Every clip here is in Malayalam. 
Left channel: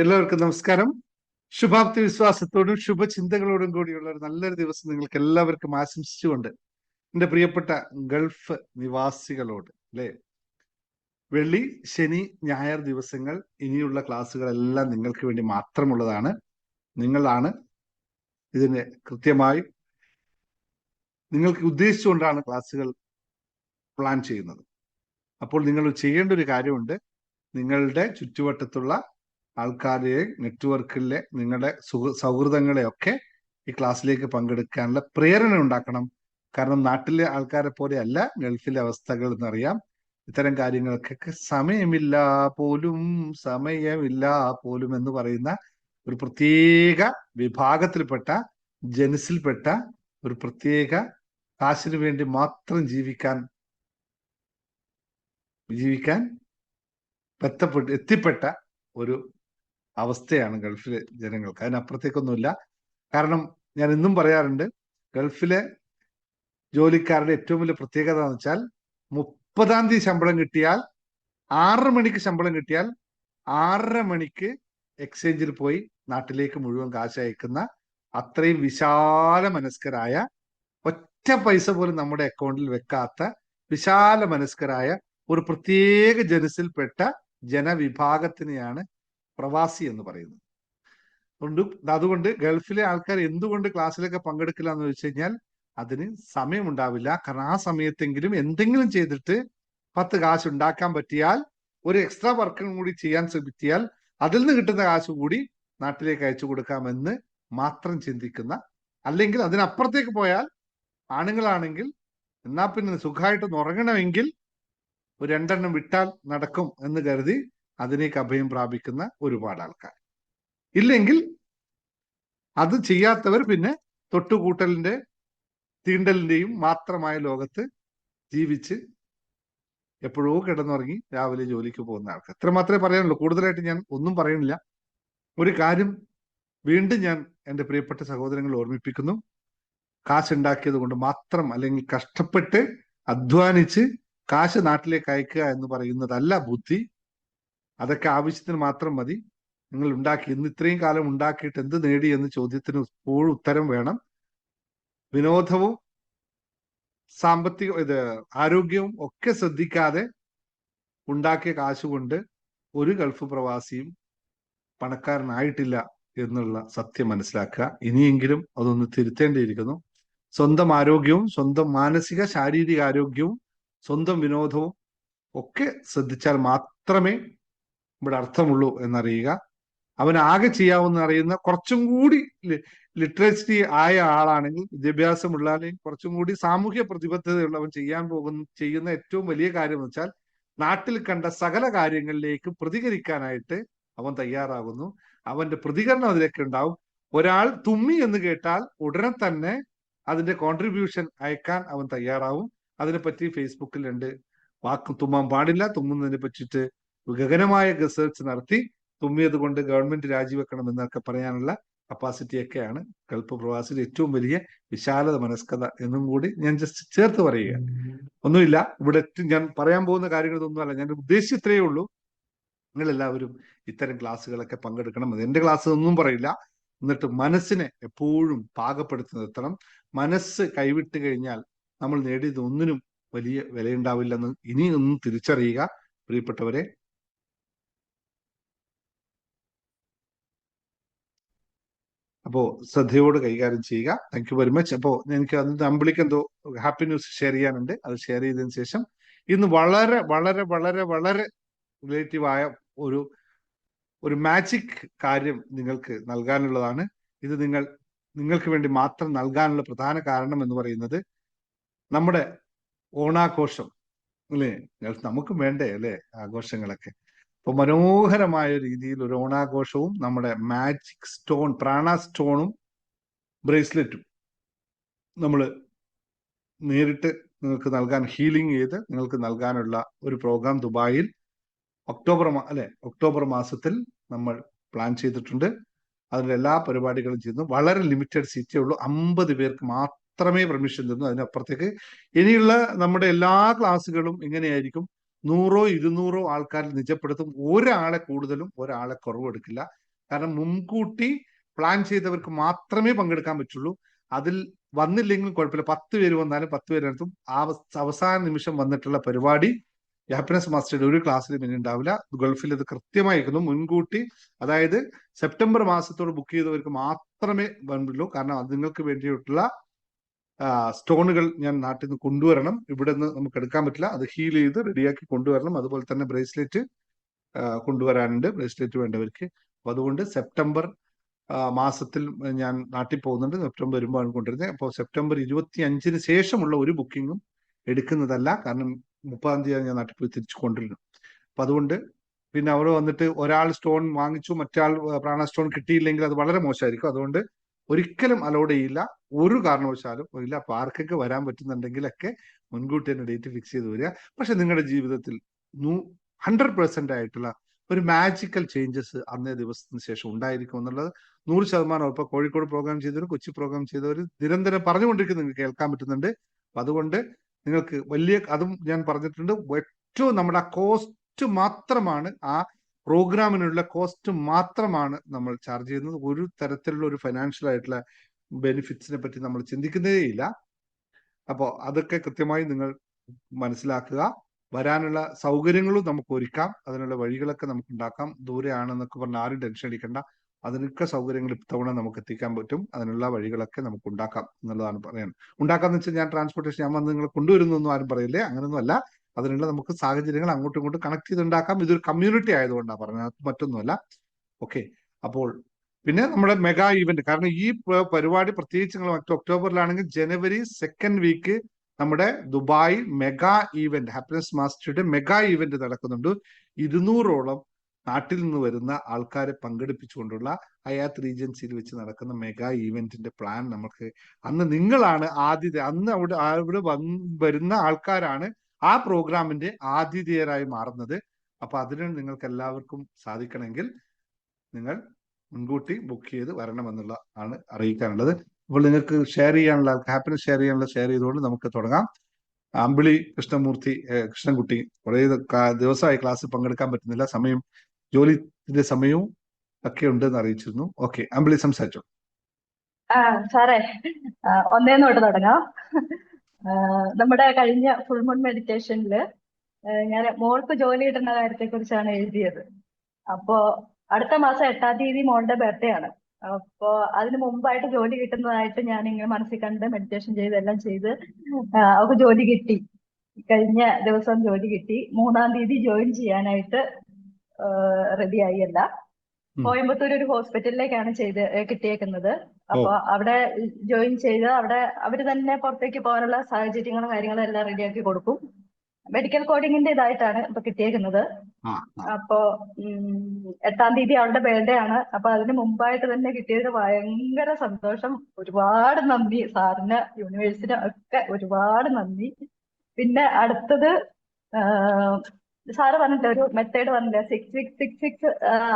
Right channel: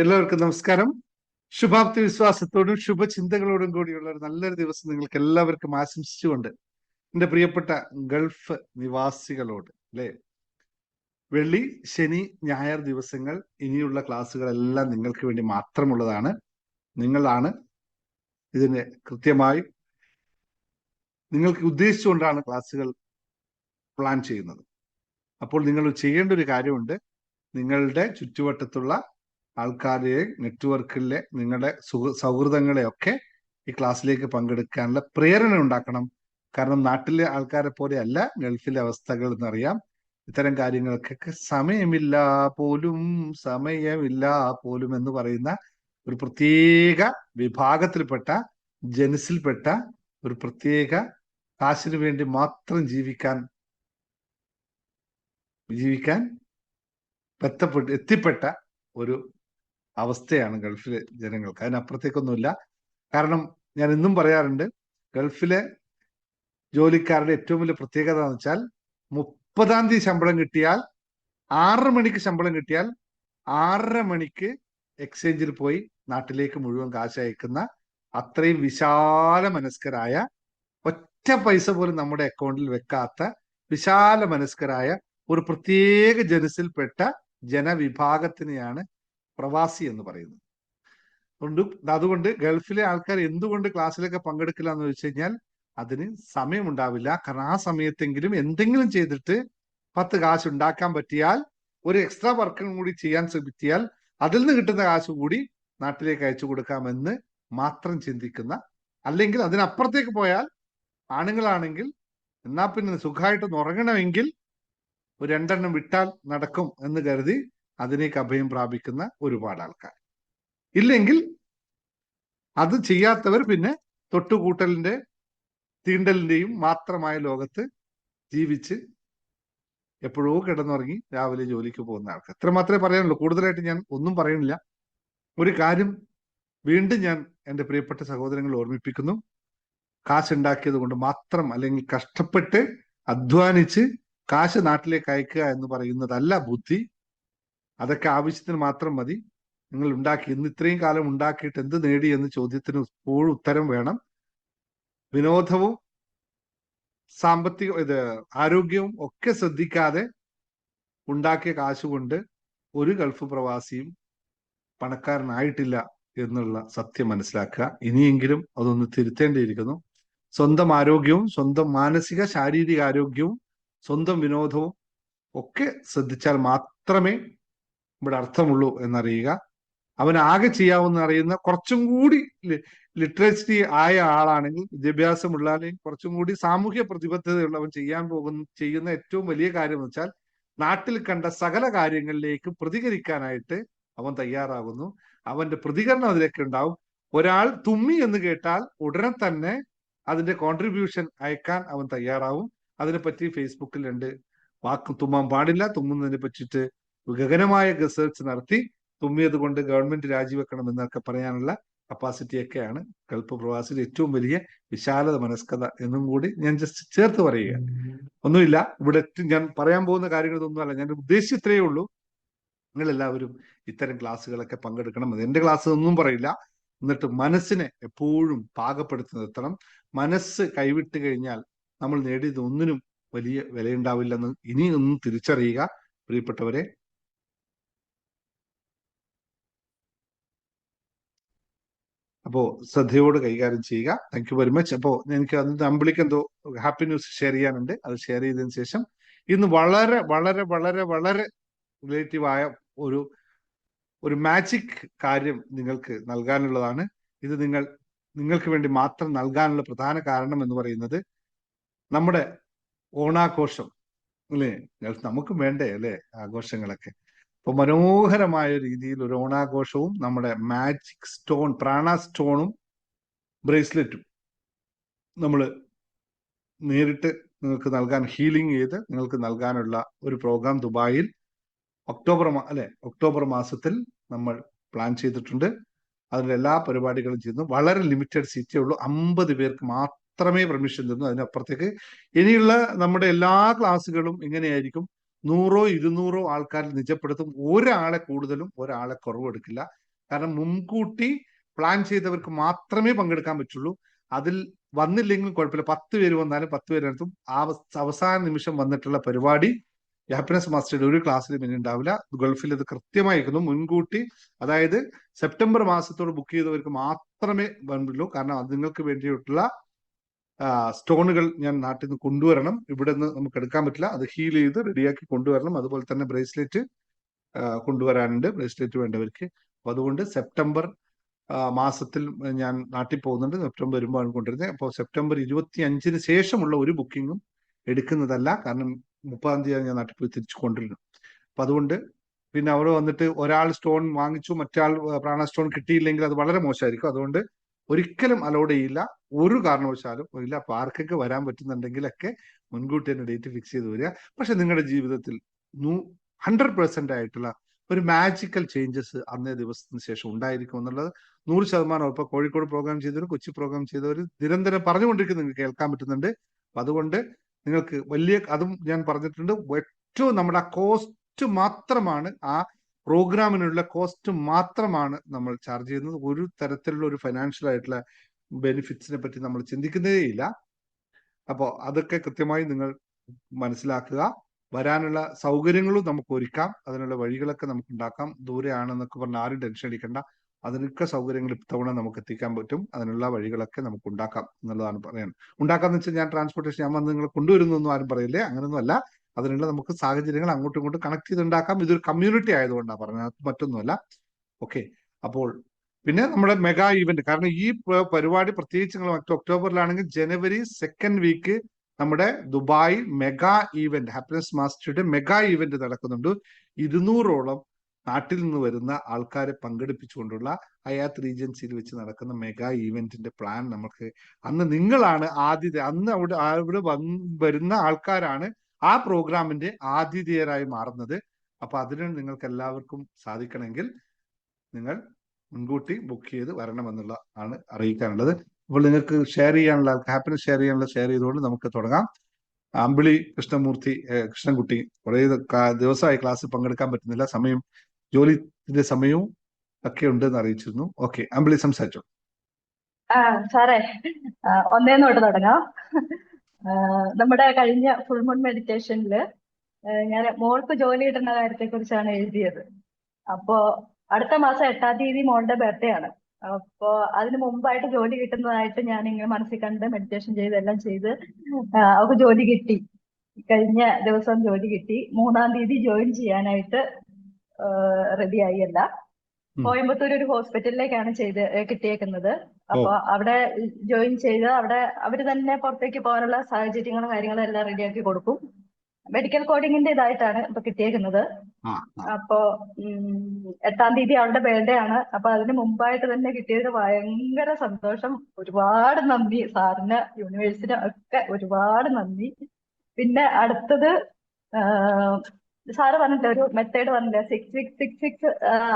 എല്ലാവർക്കും നമസ്കാരം. ശുഭാപ്തി വിശ്വാസത്തോടും ശുഭചിന്തകളോടും കൂടിയുള്ള ഒരു നല്ലൊരു ദിവസം നിങ്ങൾക്ക് എല്ലാവർക്കും ആശംസിച്ചുകൊണ്ട് എന്റെ പ്രിയപ്പെട്ട ഗൾഫ് നിവാസികളോട് അല്ലെ, വെള്ളി, ശനി, ഞായർ ദിവസങ്ങൾ ഇനിയുള്ള ക്ലാസ്സുകളെല്ലാം നിങ്ങൾക്ക് വേണ്ടി മാത്രമുള്ളതാണ്. നിങ്ങളാണ് ഇതിന് കൃത്യമായി നിങ്ങൾക്ക് ഉദ്ദേശിച്ചുകൊണ്ടാണ് ക്ലാസ്സുകൾ പ്ലാൻ ചെയ്യുന്നത്. അപ്പോൾ നിങ്ങൾ ചെയ്യേണ്ട ഒരു കാര്യമുണ്ട്. നിങ്ങളുടെ ചുറ്റുവട്ടത്തുള്ള ആൾക്കാരെ, നെറ്റ്വർക്കിലെ നിങ്ങളുടെ സൗഹൃദങ്ങളെയൊക്കെ ഈ ക്ലാസ്സിലേക്ക് പങ്കെടുക്കാനുള്ള പ്രേരണ ഉണ്ടാക്കണം. കാരണം നാട്ടിലെ ആൾക്കാരെ പോലെ അല്ല ഗൾഫിലെ അവസ്ഥകൾ എന്നറിയാം. ഇത്തരം കാര്യങ്ങൾക്കൊക്കെ സമയമില്ല പോലും എന്ന് പറയുന്ന ഒരു പ്രത്യേക വിഭാഗത്തിൽപ്പെട്ട, ജനസിൽപ്പെട്ട ഒരു പ്രത്യേക കാശിന് വേണ്ടി മാത്രം ജീവിക്കാൻ എത്തിപ്പെട്ട ഒരു അവസ്ഥയാണ് ഗൾഫിലെ ജനങ്ങൾക്ക്. അതിനപ്പുറത്തേക്കൊന്നുമില്ല. കാരണം ഞാൻ ഇന്നും പറയാറുണ്ട്, ഗൾഫിലെ ജോലിക്കാരുടെ ഏറ്റവും വലിയ പ്രത്യേകത എന്ന് വെച്ചാൽ 30-ാം തീയതി ശമ്പളം കിട്ടിയാൽ 6 മണിക്ക് ശമ്പളം കിട്ടിയാൽ 6:30 മണിക്ക് എക്സ്ചേഞ്ചിൽ പോയി നാട്ടിലേക്ക് മുഴുവൻ കാശ് അയക്കുന്ന അത്രയും വിശാല മനസ്കരായ, ഒറ്റ പൈസ പോലും നമ്മുടെ അക്കൗണ്ടിൽ വെക്കാത്ത വിശാല മനസ്കരായ ഒരു പ്രത്യേക ജനസിൽപ്പെട്ട ജനവിഭാഗത്തിനെയാണ് പ്രവാസി എന്ന് പറയുന്നത്. അതുകൊണ്ട് ഗൾഫിലെ ആൾക്കാർ എന്തുകൊണ്ട് ക്ലാസ്സിലൊക്കെ പങ്കെടുക്കില്ല എന്ന് വെച്ച് കഴിഞ്ഞാൽ അതിന് സമയമുണ്ടാവില്ല. കാരണം ആ സമയത്തെങ്കിലും എന്തെങ്കിലും ചെയ്തിട്ട് 10 കാശ് ഉണ്ടാക്കാൻ പറ്റിയാൽ, ഒരു എക്സ്ട്രാ വർക്കും കൂടി ചെയ്യാൻ ശ്രമിച്ചാൽ അതിൽ നിന്ന് കിട്ടുന്ന കാശ് കൂടി നാട്ടിലേക്ക് അയച്ചു കൊടുക്കാമെന്ന് മാത്രം ചിന്തിക്കുന്ന, അല്ലെങ്കിൽ അതിനപ്പുറത്തേക്ക് പോയാൽ ആണുങ്ങളാണെങ്കിൽ എന്നാ പിന്നെ സുഖമായിട്ടൊന്ന് ഉറങ്ങണമെങ്കിൽ ഒരു 2 വിട്ടാൽ നടക്കും എന്ന് കരുതി അതിനേക്ക് അഭയം പ്രാപിക്കുന്ന ഒരുപാട് ആൾക്കാർ. ഇല്ലെങ്കിൽ അത് ചെയ്യാത്തവർ പിന്നെ തൊട്ടുകൂട്ടലിന്റെ തീണ്ടലിന്റെയും മാത്രമായ ലോകത്ത് ജീവിച്ച് എപ്പോഴോ കിടന്നുറങ്ങി രാവിലെ ജോലിക്ക് പോകുന്ന ആൾക്കാർ. ഇത്ര മാത്രമേ പറയാനുള്ളൂ. കൂടുതലായിട്ട് ഞാൻ ഒന്നും പറയുന്നില്ല. ഒരു കാര്യം വീണ്ടും ഞാൻ എൻ്റെ പ്രിയപ്പെട്ട സഹോദരങ്ങൾ ഓർമ്മിപ്പിക്കുന്നു. കാശുണ്ടാക്കിയത് കൊണ്ട് മാത്രം, അല്ലെങ്കിൽ കഷ്ടപ്പെട്ട് അധ്വാനിച്ച് കാശ് നാട്ടിലേക്ക് അയക്കുക എന്ന് പറയുന്നതല്ല ബുദ്ധി. അതൊക്കെ ആവശ്യത്തിന് മാത്രം മതി. നിങ്ങൾ ഉണ്ടാക്കി, ഇന്ന് ഇത്രയും കാലം ഉണ്ടാക്കിയിട്ട് എന്ത് നേടി എന്ന ചോദ്യത്തിന് ഇപ്പോഴും ഉത്തരം വേണം. വിനോദവും ആരോഗ്യവും ഒക്കെ ശ്രദ്ധിക്കാതെ ഉണ്ടാക്കിയ കാശുകൊണ്ട് ഒരു ഗൾഫ് പ്രവാസിയും പണക്കാരനായിട്ടില്ല എന്നുള്ള സത്യം മനസ്സിലാക്കുക. ഇനിയെങ്കിലും അതൊന്ന് തിരുത്തേണ്ടിയിരിക്കുന്നു. സ്വന്തം ആരോഗ്യവും, സ്വന്തം മാനസിക ശാരീരിക ആരോഗ്യവും, സ്വന്തം വിനോദവും ഒക്കെ ശ്രദ്ധിച്ചാൽ മാത്രമേ ഇവിടെ അർത്ഥമുള്ളൂ എന്നറിയുക. അവന് ആകെ ചെയ്യാവുന്ന അറിയുന്ന കുറച്ചും കൂടി ലിറ്ററേച്ചറി ആയ ആളാണെങ്കിൽ, വിദ്യാഭ്യാസമുള്ള അല്ലെങ്കിൽ കുറച്ചും കൂടി സാമൂഹ്യ പ്രതിബദ്ധതയുള്ളവൻ ചെയ്യുന്ന ഏറ്റവും വലിയ കാര്യം എന്ന് വെച്ചാൽ നാട്ടിൽ കണ്ട സകല കാര്യങ്ങളിലേക്ക് പ്രതികരിക്കാനായിട്ട് അവൻ തയ്യാറാകുന്നു. അവന്റെ പ്രതികരണം അതിലേക്ക് ഉണ്ടാവും. ഒരാൾ തുമ്മി എന്ന് കേട്ടാൽ ഉടനെ തന്നെ അതിന്റെ കോൺട്രിബ്യൂഷൻ അയക്കാൻ അവൻ തയ്യാറാവും. അതിനെപ്പറ്റി ഫേസ്ബുക്കിൽ വാക്ക് തുമ്മാൻ പാടില്ല, തുമ്മുന്നതിനെ പറ്റിയിട്ട് ഗഗനമായ റിസർച്ച് നടത്തി തുമ്മിയത് കൊണ്ട് ഗവൺമെന്റ് രാജിവെക്കണം എന്നൊക്കെ പറയാനുള്ള കപ്പാസിറ്റി ഒക്കെയാണ് ഏറ്റവും വലിയ വിശാല മനസ്കത എന്ന കൂടെ ഞാൻ ജസ്റ്റ് ചേർത്ത് പറയുക. ഒന്നുമില്ല, ഇവിടെ ഞാൻ പറയാൻ പോകുന്ന കാര്യങ്ങളൊന്നുമല്ല. ഞാൻ ഉദ്ദേശിച്ചത്രേ ഉള്ളൂ. നിങ്ങൾ എല്ലാവരും ഇത്തരം ക്ലാസ്സുകളൊക്കെ പങ്കെടുക്കണം. അത് എന്റെ ക്ലാസ് ഒന്നും പറയില്ല. എന്നിട്ട് മനസ്സിനെ എപ്പോഴും പാകപ്പെടുത്തി നിർത്തണം. മനസ്സ് കൈവിട്ട് കഴിഞ്ഞാൽ നമ്മൾ നേടിയത് ഒന്നിനും വലിയ വിലയുണ്ടാവില്ലെന്ന് ഇനിയൊന്നും തിരിച്ചറിയുക പ്രിയപ്പെട്ടവരെ. അപ്പോ ശ്രദ്ധയോട് കൈകാര്യം ചെയ്യുക. Thank you very much. അപ്പോ എനിക്ക് അമ്പിളിക്ക് എന്തോ ഹാപ്പി ന്യൂസ് ഷെയർ ചെയ്യാനുണ്ട്. അത് ഷെയർ ചെയ്തതിനു ശേഷം ഇന്ന് വളരെ വളരെ വളരെ വളരെ റിലേറ്റീവായ ഒരു മാജിക് കാര്യം നിങ്ങൾക്ക് നൽകാനുള്ളതാണ്. ഇത് നിങ്ങൾക്ക് വേണ്ടി മാത്രം നൽകാനുള്ള പ്രധാന കാരണം എന്ന് പറയുന്നത് നമ്മുടെ ഓണാഘോഷം അല്ലേ. നമുക്കും വേണ്ടേ അല്ലേ ആഘോഷങ്ങളൊക്കെ. അപ്പൊ മനോഹരമായ രീതിയിൽ ഒരു ഓണാഘോഷവും നമ്മുടെ മാജിക് സ്റ്റോൺ, പ്രാണ സ്റ്റോണും ബ്രേസ്ലെറ്റും നമ്മൾ നേരിട്ട് നമുക്ക് നൽകാൻ, ഹീലിംഗ് ചെയ്ത് നിങ്ങൾക്ക് നൽകാനുള്ള ഒരു പ്രോഗ്രാം ദുബായിൽ ഒക്ടോബർ മാസത്തിൽ നമ്മൾ പ്ലാൻ ചെയ്തിട്ടുണ്ട്. എല്ലാ പരിപാടികളും ചെയ്ത് വളരെ ലിമിറ്റഡ് സീറ്റുകൾ, 50 പേർക്ക് മാത്രമേ ലഭിക്കുന്നുള്ളൂ. അതിനപ്പുറത്തേക്ക് ഇനിയുള്ള നമ്മുടെ എല്ലാ ക്ലാസ്സുകളും ഇങ്ങനെയായിരിക്കും. 100-200 ആൾക്കാർ നിജപ്പെടുത്തും. ഒരാളെ കൂടുതലും ഒരാളെ കുറവ് എടുക്കില്ല. പ്ലാൻ ചെയ്തവർക്ക് മാത്രമേ പങ്കെടുക്കാൻ പറ്റുള്ളൂ. അതിൽ വന്നില്ലെങ്കിൽ കുഴപ്പമില്ല, 10 പേര് വന്നാലും 10 പേരർത്ഥം അവസാന നിമിഷം വന്നിട്ടുള്ള പരിപാടി ഹാപ്പിനെസ് മാസ്റ്ററുടെ ഒരു ക്ലാസ്സിലും ഇനി ഉണ്ടാവില്ല. ഗൾഫിൽ ഇത് കൃത്യമായിരിക്കുന്നു, മുൻകൂട്ടി. അതായത് സെപ്റ്റംബർ മാസത്തോട് ബുക്ക് ചെയ്തവർക്ക് മാത്രമേ വേണ്ടുള്ളൂ. കാരണം അത് നിങ്ങൾക്ക് വേണ്ടിയിട്ടുള്ള സ്റ്റോണുകൾ ഞാൻ നാട്ടിൽ നിന്ന് കൊണ്ടുവരണം. ഇവിടെ നിന്ന് നമുക്ക് എടുക്കാൻ പറ്റില്ല, അത് ഹീൽ ചെയ്ത് റെഡിയാക്കി കൊണ്ടുവരണം. അതുപോലെ തന്നെ ബ്രേസ്ലെറ്റ് കൊണ്ടുവരാനുണ്ട്, ബ്രേസ്ലെറ്റ് വേണ്ടവർക്ക്. അപ്പൊ അതുകൊണ്ട് സെപ്റ്റംബർ മാസത്തിൽ ഞാൻ നാട്ടിൽ പോകുന്നുണ്ട്. സെപ്റ്റംബർ വരുമ്പോൾ കൊണ്ടുവരുന്നത്. അപ്പോൾ സെപ്റ്റംബർ 25-ന് ശേഷമുള്ള ഒരു ബുക്കിങ്ങും എടുക്കുന്നതല്ല. കാരണം 30-ാം തീയതി ഞാൻ നാട്ടിൽ പോയി തിരിച്ചു കൊണ്ടുവരുന്നു. അപ്പൊ അതുകൊണ്ട് പിന്നെ അവിടെ വന്നിട്ട് ഒരാൾ സ്റ്റോൺ വാങ്ങിച്ചു, മറ്റാൾ പ്രാണ സ്റ്റോൺ കിട്ടിയില്ലെങ്കിൽ അത് വളരെ മോശമായിരിക്കും. അതുകൊണ്ട് ഒരിക്കലും അലോഡ് ചെയ്യില്ല, ഒരു കാരണവശാലും ഇല്ല. അപ്പൊ ആർക്കൊക്കെ വരാൻ പറ്റുന്നുണ്ടെങ്കിലൊക്കെ മുൻകൂട്ടി തന്നെ ഡേറ്റ് ഫിക്സ് ചെയ്ത് വരിക. പക്ഷെ നിങ്ങളുടെ ജീവിതത്തിൽ 100% ആയിട്ടുള്ള ഒരു മാജിക്കൽ ചേഞ്ചസ് അന്നേ ദിവസത്തിന് ശേഷം ഉണ്ടായിരിക്കും എന്നുള്ളത് 100% ഇപ്പൊ കോഴിക്കോട് പ്രോഗ്രാം ചെയ്തവർ, കൊച്ചി പ്രോഗ്രാം ചെയ്തവർ നിരന്തരം പറഞ്ഞുകൊണ്ടിരിക്കുന്നത് നിങ്ങൾക്ക് കേൾക്കാൻ പറ്റുന്നുണ്ട്. അപ്പൊ അതുകൊണ്ട് നിങ്ങൾക്ക് വലിയ, അതും ഞാൻ പറഞ്ഞിട്ടുണ്ട്, ഏറ്റവും നമ്മുടെ കോസ്റ്റ് മാത്രമാണ്, ആ പ്രോഗ്രാമിനുള്ള കോസ്റ്റ് മാത്രമാണ് നമ്മൾ ചാർജ് ചെയ്യുന്നത്. ഒരു തരത്തിലുള്ള ഒരു ഫൈനാൻഷ്യൽ ആയിട്ടുള്ള ബെനിഫിറ്റ്സിനെ പറ്റി നമ്മൾ ചിന്തിക്കുന്നേ ഇല്ല. അപ്പോൾ അതൊക്കെ കൃത്യമായി നിങ്ങൾ മനസ്സിലാക്കുക. വരാനുള്ള സൗകര്യങ്ങളും നമുക്ക് ഒരുക്കാം, അതിനുള്ള വഴികളൊക്കെ നമുക്ക് ഉണ്ടാക്കാം. ദൂരെയാണെന്നൊക്കെ പറഞ്ഞാൽ ആരും ടെൻഷൻ അടിക്കണ്ട, അതിനൊക്കെ സൗകര്യങ്ങൾ ഇത്തവണ നമുക്ക് എത്തിക്കാൻ പറ്റും. അതിനുള്ള വഴികളൊക്കെ നമുക്ക് ഉണ്ടാക്കാം എന്നുള്ളതാണ് പറയാൻ. ഉണ്ടാക്കാന്ന് വെച്ചാൽ ഞാൻ ട്രാൻസ്പോർട്ടേഷൻ ഞാൻ വന്ന് നിങ്ങൾ കൊണ്ടുവരുന്നൊന്നും ആരും പറയില്ലേ, അങ്ങനൊന്നും അല്ല. അതിനുള്ള നമുക്ക് സാഹചര്യങ്ങൾ അങ്ങോട്ടും ഇങ്ങോട്ടും കണക്ട് ചെയ്തുണ്ടാക്കാം. ഇതൊരു കമ്മ്യൂണിറ്റി ആയതുകൊണ്ടാണ് പറഞ്ഞത്, അത് പറ്റുന്നല്ല. ഓക്കെ. അപ്പോൾ പിന്നെ നമ്മുടെ മെഗാ ഈവന്റ്, കാരണം ഈ പരിപാടി പ്രത്യേകിച്ച് നിങ്ങൾ ഒക്ടോബറിലാണെങ്കിൽ ജനുവരി 2nd വീക്ക് നമ്മുടെ ദുബായ് മെഗാ ഈവന്റ്, ഹാപ്പിനെസ് മാസ്റ്ററുടെ മെഗാ ഈവന്റ് നടക്കുന്നുണ്ട്. 200ഓളം നാട്ടിൽ നിന്ന് വരുന്ന ആൾക്കാരെ പങ്കെടുപ്പിച്ചുകൊണ്ടുള്ള ഹയാത്ത് റീജൻസിയിൽ വെച്ച് നടക്കുന്ന മെഗാ ഈവന്റിന്റെ പ്ലാൻ നമുക്ക്, അന്ന് നിങ്ങളാണ് ആദ്യത്തെ, അന്ന് അവിടെ വരുന്ന ആൾക്കാരാണ് ആ പ്രോഗ്രാമിന്റെ ആതിഥേയരായി മാറുന്നത്. അപ്പൊ അതിന് നിങ്ങൾക്ക് എല്ലാവർക്കും സാധിക്കണമെങ്കിൽ നിങ്ങൾ മുൻകൂട്ടി ബുക്ക് ചെയ്ത് വരണമെന്നുള്ള ആണ് അറിയിക്കാനുള്ളത്. അപ്പോൾ നിങ്ങൾക്ക് ഷെയർ ചെയ്യാനുള്ള, ഹാപ്പിനെസ് ഷെയർ ചെയ്യാനുള്ള ഷെയർ ചെയ്തുകൊണ്ട് നമുക്ക് തുടങ്ങാം. അമ്പിളി കൃഷ്ണൻകുട്ടി കുറേ ദിവസമായി ക്ലാസ്സിൽ പങ്കെടുക്കാൻ പറ്റുന്നില്ല, സമയം ജോലിന്റെ സമയവും ഒക്കെ ഉണ്ടെന്ന് അറിയിച്ചിരുന്നു. ഓക്കെ, അമ്പിളി സംസാരിച്ചോ. സാറേ, ഒന്നേന്നോട്ട് തുടങ്ങാം. നമ്മുടെ കഴിഞ്ഞ ഫുൾ മൂൺ മെഡിറ്റേഷനില് ഞാൻ മോൾക്ക് ജോലി കിട്ടുന്ന കാര്യത്തെ കുറിച്ചാണ് എഴുതിയത്. അപ്പോ അടുത്ത മാസം 8-ാം തീയതി മോളുടെ ബർത്ത്ഡേ ആണ്. അപ്പോ അതിന് മുമ്പായിട്ട് ജോലി കിട്ടുന്നതായിട്ട് ഞാൻ ഇങ്ങനെ മനസ്സിൽ കണ്ട് മെഡിറ്റേഷൻ ചെയ്ത് എല്ലാം ചെയ്ത് അവൾക്ക് ജോലി കിട്ടി. കഴിഞ്ഞ ദിവസം ജോലി കിട്ടി. 3-ാം തീയതി ജോയിൻ ചെയ്യാനായിട്ട് റെഡിയായി. അല്ല, കോയമ്പത്തൂർ ഒരു ഹോസ്പിറ്റലിലേക്കാണ് കിട്ടിയേക്കുന്നത്. അപ്പൊ അവിടെ ജോയിൻ ചെയ്ത് അവിടെ അവര് തന്നെ പുറത്തേക്ക് പോകാനുള്ള സാഹചര്യങ്ങളും കാര്യങ്ങളും എല്ലാം റെഡിയാക്കി കൊടുക്കും. മെഡിക്കൽ കോഡിങ്ങിന്റെ ഇതായിട്ടാണ് ഇപ്പൊ കിട്ടിയേക്കുന്നത്. അപ്പോ 8-ാം തീയതി അവളുടെ ബർത്ത്ഡേ ആണ്. അപ്പൊ അതിന് മുമ്പായിട്ട് തന്നെ കിട്ടിയത് ഭയങ്കര സന്തോഷം. ഒരുപാട് നന്ദി സാറിന്, യൂണിവേഴ്സിന് ഒക്കെ ഒരുപാട് നന്ദി. പിന്നെ അടുത്തത് സാറ് പറഞ്ഞില്ല, ഒരു മെത്തേഡ് പറഞ്ഞില്ല, 6-6-6-6